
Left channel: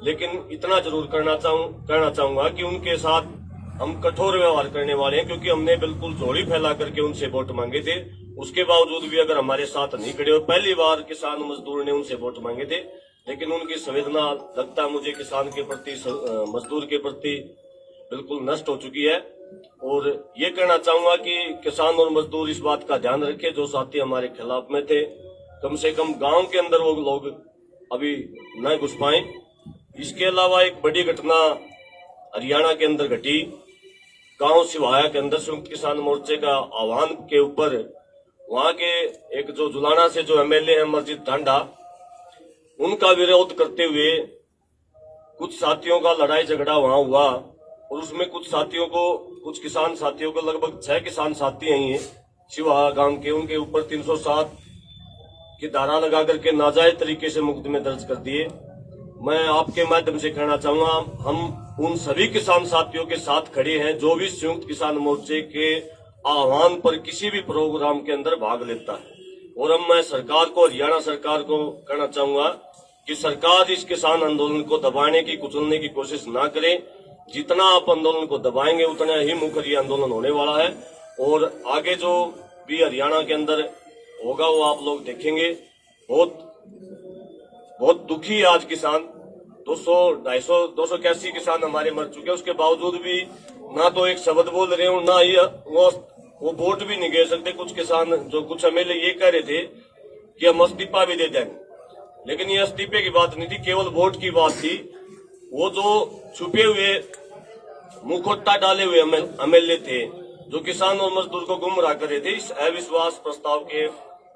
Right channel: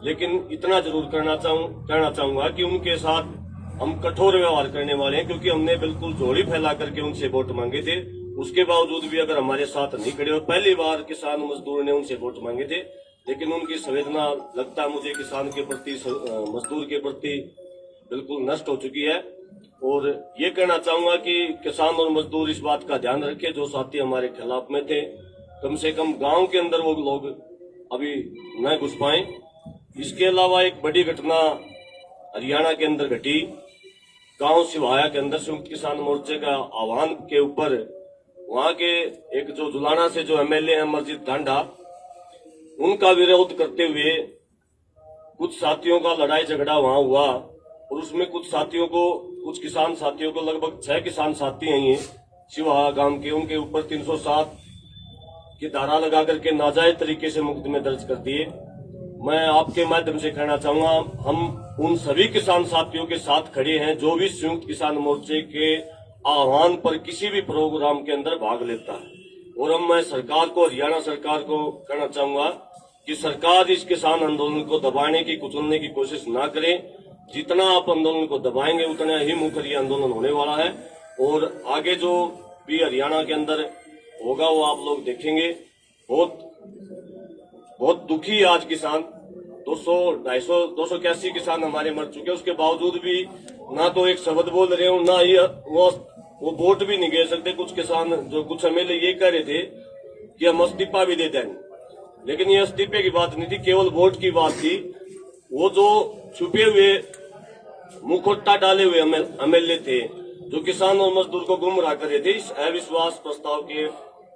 लेकिन इतना जरूर कहना चाहूंगा कि उनके साथ हम कठोर व्यवहार करने वाले हैं, क्योंकि हमने बिल्कुल झोली फैला करके उनसे वोट मांगे थे। उसके बावजूद भी अगर हमारे साथ नहीं खड़े हो, पहली बार किसान मजदूर ने उनसे वोट मांगे थे, लेकिन उनकी संवेदना लगता है मुझे किसान के प्रति, मजदूर के प्रति बिल्कुल नष्ट हो चुकी है। और ये कहना चाहूंगा कि किसान और मजदूर इस बात का ध्यान रखें, जो साथी हमारे खिलाफ में थे कम से कम गांव के अंदर वो लोग अभी न घुस पाए। इसके अलावा एक बड़ी घटना हरियाणा के अंदर घटी, गांव सिवाया के अंदर संयुक्त किसान मोर्चे का आह्वान के ऊपर वहां के एक जो जुलाना से जो एमएलए हैं मस्जिद ढांडा, उनका विरोध करते हुए कुछ साथियों का लड़ाई झगड़ा वहां हुआ और उसमें कुछ किसान साथियों को, लगभग 6 किसान साथी हैं ये शिवा गांव के, उनके ऊपर 307 की धारा लगा करके नाजायज तरीके से मुकदमे दर्ज कर दिए। मैं आपके माध्यम से कहना चाहूंगा, हम उन सभी किसान साथियों के साथ खड़े हैं जो भी संयुक्त किसान मोर्चे के आह्वान पर किसी भी प्रोग्राम के अंदर भाग लेता है। और हम मैं सरकार को, हरियाणा सरकार को कहना चाहूंगा कि सरकार इस किसान आंदोलन को दबाने की, कुचलने की कोशिश ना करे। जितना आप आंदोलन को दबाएंगे उतना ही मुखर ये आंदोलन होने वाला है। और आगे जो भी हरियाणा के अंदर होगा वो आप लोग देखेंगे। बहुत दुखी है आज किसान, 281 किसान हमारे मर चुके हैं, उसके बावजूद भी ना तो एक शब्द बोल रहे हो, ना ही वो वोट भी नहीं दे सकते। कुछ किसान, जो कुछ एमएलए ये कह रहे थे कि हम इस्तीफा भी दे देंगे, लेकिन ये इस्तीफे की बात नहीं थी, केवल वोट की बात थी। वो जो छुपे हुए मुखौटा डाले हुए एमएलए थे, जो किसान और मजदूर को गुमराह कर रहे थे, इस अविश्वास प्रस्ताव के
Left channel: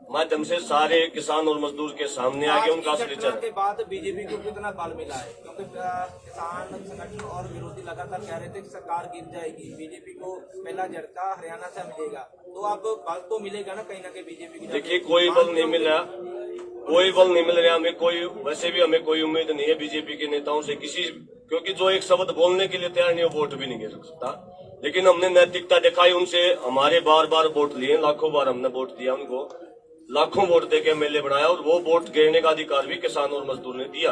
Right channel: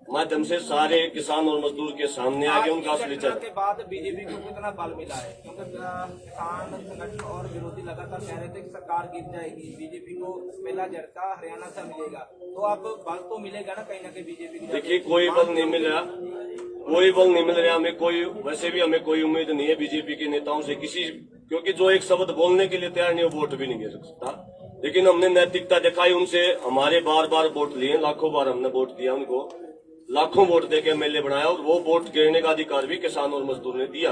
माध्यम से सारे किसान और मजदूर के सामने आके उनका असली चेहरा के बाद बीजेपी को कितना बल मिला है, क्योंकि किसान संगठन और विरोधी लगातार कह रहे थे कि सरकार गिर जाएगी, बीजेपी को पहला झटका हरियाणा से मिलेगा, तो अब बल तो मिलेगा ना कहीं ना कहीं बीजेपी की। देखिए, कोई बल नहीं मिल रहा, कोई बल नहीं मिल रहा हमें, कोई वैसे भी हमें कोई उम्मीद नहीं है बीजेपी के नेताओं से किसी, क्योंकि जो एक शब्द बोलने के लिए तैयार नहीं, वो वोट भी नहीं गिर सकता। लेकिन हमने नैतिकता दिखाई, उनसे हमारे बार बार वोट लिए, लाखों बार हमने वोट दिया उनको, लाखों वोट देके एमएलए बनाया, और वो वोट गिरने का अधिकार भी किसान और मजदूर ने दिया।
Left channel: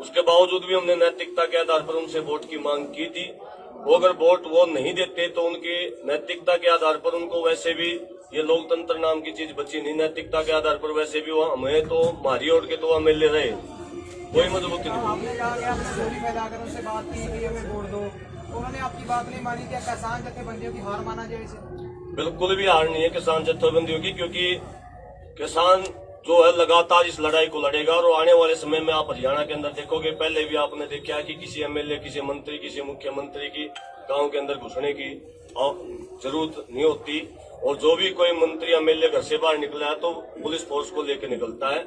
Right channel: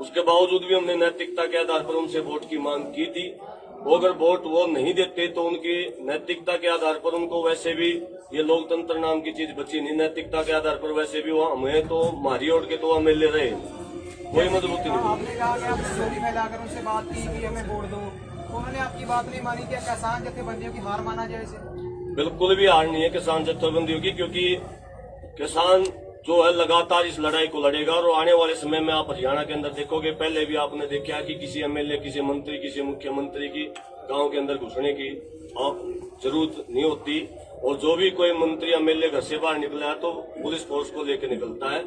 उसके बावजूद भी हमने नैतिकता के आधार पर उनसे वोट की मांग की थी। वो अगर वोट वो नहीं देते तो उनकी नैतिकता के आधार पर उनको, वैसे भी ये लोकतंत्र नाम की चीज बची नहीं, नैतिकता के आधार पर वैसे भी वो हमें तो मारी ओढ़ के तो एमएलए रहे, कोई मजबूती नहीं। आपने जाके आप चोरी फैलाकर उनसे बात की कि हमें वोट दो, तो उन्होंने आपकी बात नहीं मानी। क्या किसान जथेबंदियों की हार माना जाए इसे? बिल्कुल भी हार नहीं है किसान जथेबंदियों की, क्योंकि किसान जो है लगातार इस लड़ाई को लड़ेगा। और आने वाले समय में आप हरियाणा के अंदर देखोगे, पहले भी आपने देखा कि किसी एमएलए, किसी मंत्री, किसी मुख्यमंत्री की गांव के अंदर घुसने की जरूरत नहीं होती। और जो भी कोई मंत्री एमएलए घर से बाहर निकला है तो पुलिस फोर्स को लेकर निकलता है।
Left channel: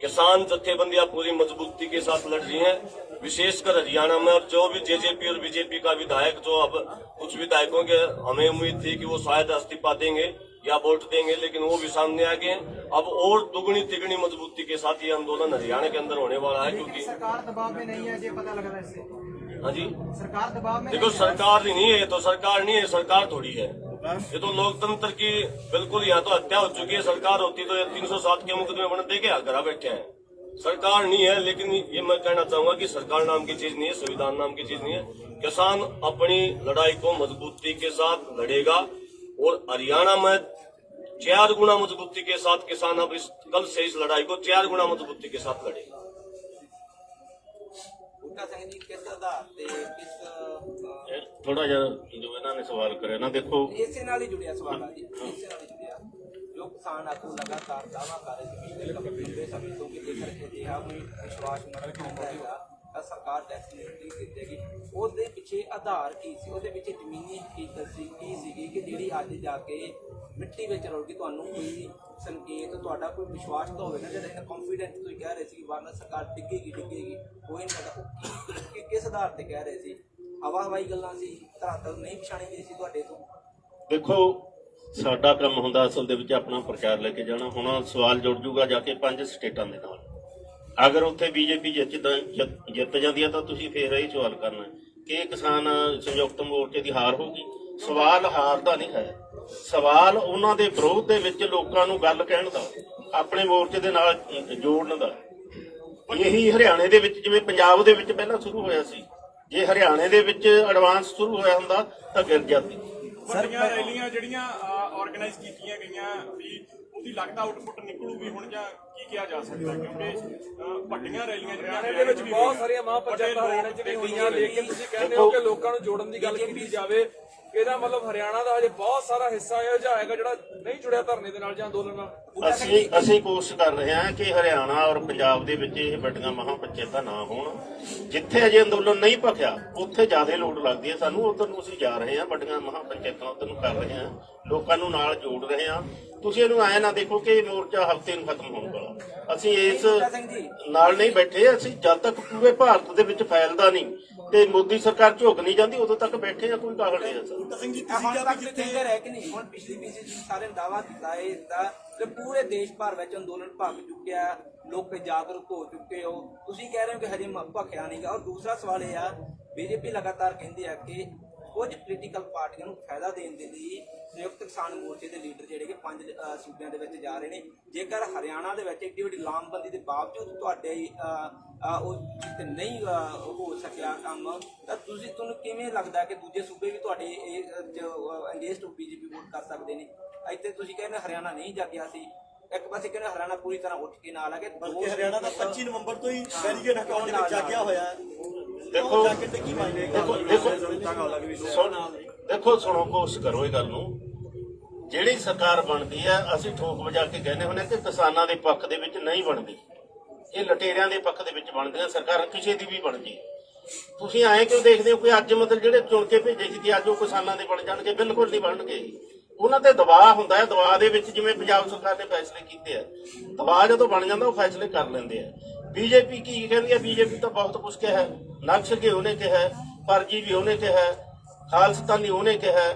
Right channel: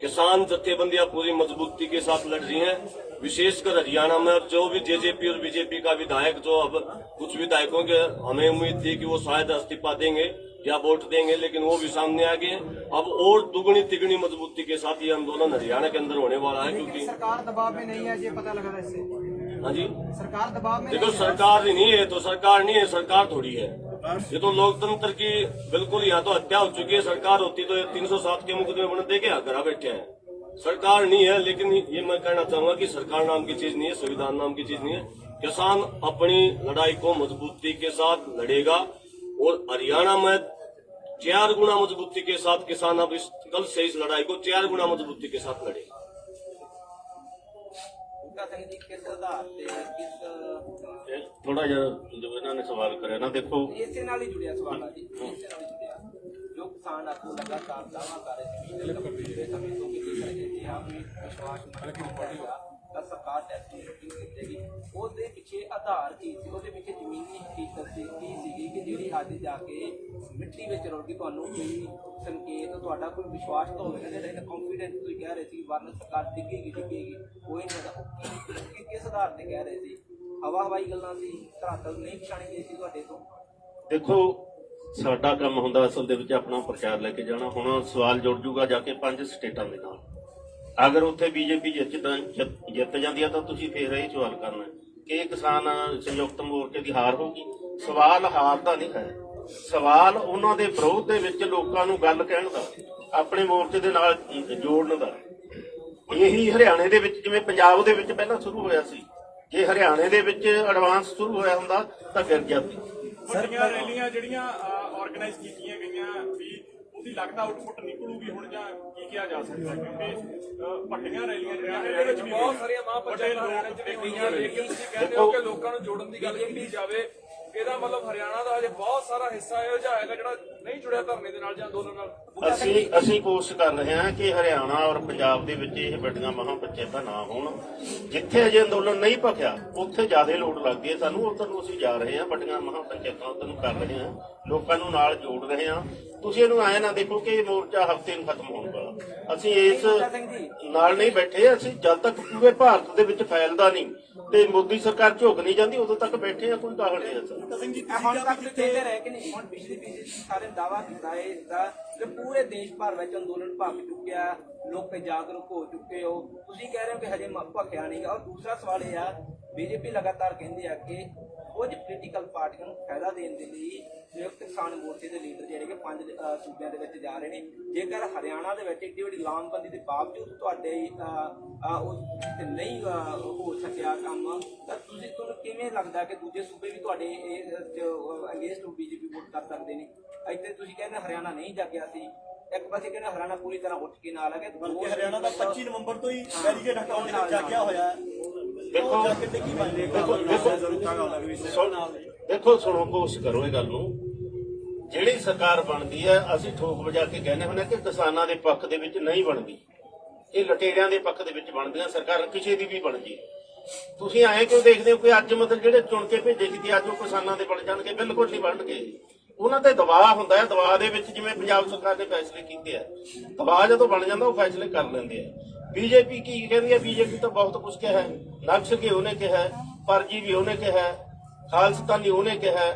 किसान जथेबंदियां पूरी मजबूती के साथ लड़ रही हैं। विशेषकर हरियाणा में अब जो भी जेजेपी और बीजेपी का विधायक, जो अब कुछ विधायकों के हमें उम्मीद थी कि वो शायद इस्तीफा देंगे या वोट देंगे, लेकिन वो भी सामने आ गए। अब और दुगनी तिगनी मजबूती के साथ ये आंदोलन हरियाणा के अंदर होने वाला है, क्योंकि सरकार दबाव में नहीं है, ये पता लग रहा है इससे। हाँ जी, सरकार दबाव में देखो, सरकार नहीं है तो सरकार नहीं है, सरकार थोड़ी है। ये तो लोकतंत्र की बिल्कुल, यहाँ तो हत्या हो चुकी है। सरकार होती तो 307 के मुकदमे बन दे के घर बैठे हैं। सरकार नहीं है, लेकिन ये मैं कहना चाहूंगा कि सरकार नाम की चीज नहीं है, संविधान नाम की चीज नहीं है। किसान अपनी लड़ाई को मजबूती के साथ लड़ेगा और हरियाणा में 4 गुना मजबूती के साथ किसान अब कल से इस लड़ाई को 4 गुना मजबूती के साथ लड़ेगा। थोड़ा ਜਿਹਾ ਜੋ ਇਹਨਾਂ ਨੇ ਸਵਾਲ ਕਰਿਆ ਨਾ, ਦੇਖੋ ਇਸੇ ਨਾਲ ਹੀ ਜੁੜਿਆ ਸਵਾਲ ਆ ਜੀ, ਇਸੇ ਨਾਲ ਹੀ ਜੁੜਿਆ। ਜੋ ਕਿਸਾਨ ਆਗੂ ਲਗਾਤਾਰ ਦਾਅਵਾ ਕਰ ਰਹੇ ਸੀ ਪਿਛਲੇ ਸਮੇਂ ਤੋਂ ਕਿ ਜੇਕਰ ਅਜਿਹਾ ਕੋਈ ਵਿਸ਼ਵਾਸ ਮਤਲਬ ਹੋਵੇਗਾ ਸਰਕਾਰ ਟੈਕਸ ਨਹੀਂ ਦਿੱਤੇਗੀ, ਉਹਦੇ ਪਿੱਛੇ ਆਧਾਰ ਕੀ ਸੀ, ਉਹਦੇ ਪਿੱਛੇ ਜ਼ਮੀਨੀ ਹਕੀਕਤ ਸੀ ਕੀ ਸੀਗੀ ਕਿ ਜਿਹੜੀ ਅੱਜ ਜਾ ਕੇ ਮਿੱਟੀ ਵਿੱਚ ਰੁੜ ਗਈ? ਤੁਹਾਨੂੰ ਕੋਈ ਸੰਕੇਤ, ਤੁਹਾਡਾ ਕੋਈ ਵਿਸ਼ਵਾਸ ਤਾਂ ਹੋਵੇਗਾ ਜਿਹੜਾ ਇਹਨਾਂ ਕੌਨਫੀਡੈਂਸ ਤੁਸੀਂ ਕਹਿ ਰਹੇ ਸੀ ਵਾਰਨਾ ਸਰਕਾਰ ਡਿੱਗੇਗੀ ਕੋਈ ਨਹੀਂ ਪਤਾ ਉਹ ਕਿਸ ਆਧਾਰ ਤੇ ਕਹਿ ਰਹੇ ਸੀ? ਹਵਾਈ ਗੱਲਾਂ ਸੀ, ਧਰਾਤਲ ਨਹੀਂ ਪਛਾਣੀ ਗਈ ਸੀ ਤੁਹਾਡੇ ਤੋਂ? ਦੇਖੋ ਸਾਡਾ ਕੰਮ ਹੁੰਦਾ ਅਸਲ ਦੇ ਵਿੱਚ ਆਪਣਾ ਪ੍ਰਚਾਰ ਲੈ ਕੇ ਜਾਣਾ। ਹੁਣ ਸਵਾਲ ਜੁੜ ਜੂਗਾ ਜਾ ਕੇ 5 ਸਟੇਟਾਂ ਦੇ ਨਾਲ, ਅਗਰ ਉੱਥੇ ਬੀਜੇਪੀ ਜਿੱਤ ਜਾਂਦੀ ਹੈ ਤਾਂ ਤੁਸੀਂ ਫੇਰ ਇਹ ਸਵਾਲ ਕਰਨਾ ਕਿ ਕਿਸਾਨ ਸੰਯੁਕਤ ਮੋਰਚੇ ਦੀ ਹਾਰ ਹੋਗੀ। ਸਵਾਲ ਹਾਰ ਦਾ ਨਹੀਂ ਹੈ, ਸਵਾਲ ਉਹਨਾਂ ਦੇ ਵਿਰੋਧ ਦੇ ਵਿੱਚ ਲੋਕਾਂ ਨੂੰ ਗੱਲ ਕਹਿਣ ਦਾ, ਆਪਣੇ ਮੋਰਚੇ ਦੇ ਨਾਲ ਜੋੜਨ ਦਾ। ਇਹੀ ਹਰਿਆਣੇ ਦੇ ਵਿੱਚ ਜਿਵੇਂ ਪੰਜਾਬ ਦੇ ਵਿੱਚ ਪਹਿਲਾਂ ਸ਼ੁਰੂ ਹੋਇਆ ਸੀ, ਜੇ ਹਰਿਆਣੇ ਦੇ ਵਿੱਚ ਐਡਵਾਂਸ ਸ਼ੁਰੂ ਹੋਇਆ ਹੁੰਦਾ ਤਾਂ ਗਿਰ ਜਾਂਦੀ। ਵੱਡੀਆਂ ਰੈਲੀਆਂ ਜਿਹੜੀਆਂ ਆਰਗੇਨਾਈਜ਼ ਕੀਤੀਆਂ ਗਈਆਂ ਵੀ ਉਹਦੀ ਲੱਗਦਾ ਆਊਟਪੁੱਟ ਨਿਕਲੂਗੀ ਹੁਣ, ਜਾਂ ਕੀ ਕਿਹਾ ਜਾ ਸਕਦਾ? ਕਿਉਂਕਿ ਵੱਡੀਆਂ ਰੈਲੀਆਂ ਹਰਿਆਣੇ ਦੇ ਵਿੱਚ ਬਹੁਤ ਸਾਰੀਆਂ ਮਹਾਪੰਚਾਇਤਾਂ ਹਰਿਆਣੇ ਚ ਹੋਈਆਂ, ਲੇਕਿਨ ਤੁਸੀਂ ਕਹਿੰਦੇ ਹੋ ਕਿ ਲੋਕਾਂ ਨੂੰ ਜੋੜਨ ਦੀ ਗੱਲ ਕੀਤੀ ਜਾਵੇ। ਇਹਦਾ ਮਤਲਬ ਹਰਿਆਣਾ ਦਾ ਹਜੇ ਬਹੁਤ ਸਾਰਾ ਹਿੱਸਾ ਇਹੋ ਜਿਹਾ ਹੈਗਾ ਜਿਹੜਾ ਨਹੀਂ ਜੁੜਿਆ ਧਰਨੇ ਦੇ ਨਾਲ ਜਾਂ ਅੰਦੋਲਨ ਨਾਲ। ਅਸੀਂ ਕੋਸ਼ਿਸ਼ ਕਰ ਰਹੇ ਹਾਂ ਕਿ ਹਰਿਆਣਾ ਔਰ ਪੰਜਾਬ ਦੇ ਵਿੱਚ ਇਹ ਵੱਡੀਆਂ ਮਹਾਪੰਚਾਇਤਾਂ ਨਾ ਹੋਣ। ਜਿੱਥੇ ਅਜੇ ਅੰਦੋਲਨ ਨਹੀਂ ਭਖਿਆ ਉੱਥੇ ਜ਼ਿਆਦਾ ਲੋੜ ਲੱਗਦੀ ਹੈ ਸਾਨੂੰ, ਉਧਰ ਨੂੰ ਅਸੀਂ ਜਾ ਰਹੇ ਹਾਂ, ਵੱਡੀਆਂ ਮਹਾਪੰਚਾਇਤਾਂ ਉਧਰ ਨੂੰ ਕਰ ਰਹੇ ਹਾਂ, ਲੋਕਾਂ ਨੂੰ ਨਾਲ ਜੋੜ ਰਹੇ ਹਾਂ। ਤੁਸੀਂ ਇਹਨੂੰ ਐਂ ਨਾ ਦੇਖੋ ਕਿ ਮੋਰਚਾ ਹਫ਼ਤੇ ਨੂੰ ਖਤਮ ਹੋਣ ਵਾਲਾ। ਅਸੀਂ ਇਸ ਨਾਲ ਨਹੀਂ ਬੈਠੇ, ਅਸੀਂ ਜਦ ਤੱਕ ਪੂਰੇ ਭਾਰਤ ਦੇ ਵਿੱਚ ਫੈਲਦਾ ਨਹੀਂ ਤੇ ਮੋਦੀ ਸਰਕਾਰ ਝੁਕ ਨਹੀਂ ਜਾਂਦੀ ਉਦੋਂ ਤੱਕ ਬੈਠੇ ਆ, ਕੋਈ ਕਾਹਲ ਨਹੀਂ ਹੈ ਸਰ। ਹੁਣ ਪਿਛਲੀ ਸਾਰੇ ਦਾਅਵਾ ਕੀਤਾ ਹੈ ਇਸਦਾ ਕਿ ਪੂਰੇ ਦੇਸ਼ ਭਰ ਵਿੱਚ ਅੰਦੋਲਨ ਭਖ ਚੁੱਕਿਆ, ਲੋਕ ਜਾਗਰੂਕ ਹੋ ਚੁੱਕੇ ਹੋ, ਤੁਸੀਂ ਕਹਿ ਰਹੇ ਹੋ ਕਿ ਹਜੇ ਭਖਿਆ ਨਹੀਂ ਗਾ। ਔਰ ਦੂਸਰਾ ਸਵਾਲ ਇਹ ਆ, ਬੀਜੇਪੀ ਲਗਾਤਾਰ ਕਹਿੰਦੀ ਆ ਕਿ ਕੁਝ ਪੋਲੀਟੀਕਲ ਪਾਰਟੀਆਂ ਨੂੰ ਫਾਇਦਾ ਦੇਣ ਦੇ ਲਈ ਸੰਯੁਕਤ ਕਿਸਾਨ ਮੋਰਚੇ ਦੇ ਲੀਡਰ ਜਿਹੜੇ ਕਿ 5 ਸੂਬਿਆਂ ਦੇ ਵਿੱਚ ਜਾ ਰਹੇ ਨੇ। ਜੇਕਰ ਹਰਿਆਣਾ ਦੇ ਵਿੱਚ ਏਡੀ ਵੱਡੀ ਲਾਮਬੰਦੀ ਦੇ ਬਾਵਜੂਦ ਤੁਹਾਡੇ ਨਹੀਂ ਹੋ ਸਕਿਆ ਕੰਮ, ਤਾਂ ਤੁਹਾਨੂੰ ਕਿਵੇਂ ਲੱਗਦਾ ਕਿ ਦੂਜੇ ਸੂਬੇ ਵੀ ਤੁਹਾਡੇ ਅਗੇਂਸਟ ਬੀਜੇਪੀ ਵੋਟ ਕਰ ਸਕਦੇ ਨੇ? ਇੱਥੇ ਤੁਸੀਂ ਕਹਿੰਦੇ ਹਰਿਆਣਾ ਨਹੀਂ ਜਾਗਿਆ ਸੀ, ਇੱਕ ਪਾਸੇ ਕਹਿੰਦੇ ਹਰਿਆਣਾ ਪੂਰੀ ਤਰ੍ਹਾਂ ਉੱਠ ਕੇ ਨਾਲ ਆ ਕੇ, ਬਲਕਿ ਹਰਿਆਣਾ ਦਾ 25 ਨਵੰਬਰ ਤੋਂ ਹੀ ਬੈਰੀਕੇਡ ਹਟਾਉਣ ਦੇ ਵਿੱਚ ਜਾਗਿਆ ਹੋਇਆ। ਦੇਖੋ ਸੁਣੋ, ਕੋਸ਼ਿਸ਼ ਕਰੋ ਇਹ ਗੱਲ ਨੂੰ। ਜਿਹੜੀ ਸਰਕਾਰ ਬਣਦੀ ਹੈ ਅਸੀਂ ਠੋਕ ਵਜਾ ਕੇ ਕਹਿੰਦੇ ਹੁੰਦੇ ਕਿ ਕਿਸਾਨਾਂ ਦੇ ਪੱਖ ਦੇ ਵਿੱਚ ਨਹੀਂ ਬਣਦੀ, ਇਹ ਲਟੇਰਿਆਂ ਦੇ ਪੱਖ ਦੇ ਵਿੱਚ ਬਣਦੀਆਂ ਸਰਕਾਰਾਂ, ਕਿਸੇ ਦੀ ਵੀ ਬਣਦੀ। ਤੁਸੀਂ ਐਂ ਕਿਉਂ ਦੇਖਦੇ ਹੋ ਕਿ ਅੱਜ ਮਤਲਬ ਜਿਹੜੇ ਚੁਣ ਕੇ ਭੇਜੇ ਸੀ ਅੱਜ ਉਹ ਕਿਸਾਨਾਂ ਦੇ ਬਣ ਜਾਣਗੇ? ਬਿਲਕੁਲ ਨਹੀਂ ਬਣਨਗੇ। ਉਹਨਾਂ ਤੇ ਦਬਾਅ ਹੁੰਦਾ ਹੈ, ਦਬਾਅ ਦੇ ਵਿੱਚ ਜਿਵੇਂ ਪੰਜਾਬ ਸਰਕਾਰ ਨੇ ਫੈਸਲੇ ਕੀਤੇ ਆ, ਦਬਾਅ ਜਦੋਂ ਬਣ ਜਾਂਦਾ ਉਹ ਫੈਸਲੇ ਕਰ ਲੈਂਦੇ ਆ। ਬੀਜੇਪੀ ਕੀ ਕਹਿੰਦੀ ਹੈ? ਬੀਜੇਪੀ ਤਾਂ ਬਹੁਤ ਕੁਝ ਕਿਹਾ, ਨਕਸਲਗੀ ਉਹਨੇ ਕਿਹਾ, ਪਰਜੀਵੀ ਉਹਨੇ ਕਿਹਾ, ਖਾਲਸਤਾਨੀ ਉਹਨੇ ਕਿਹਾ,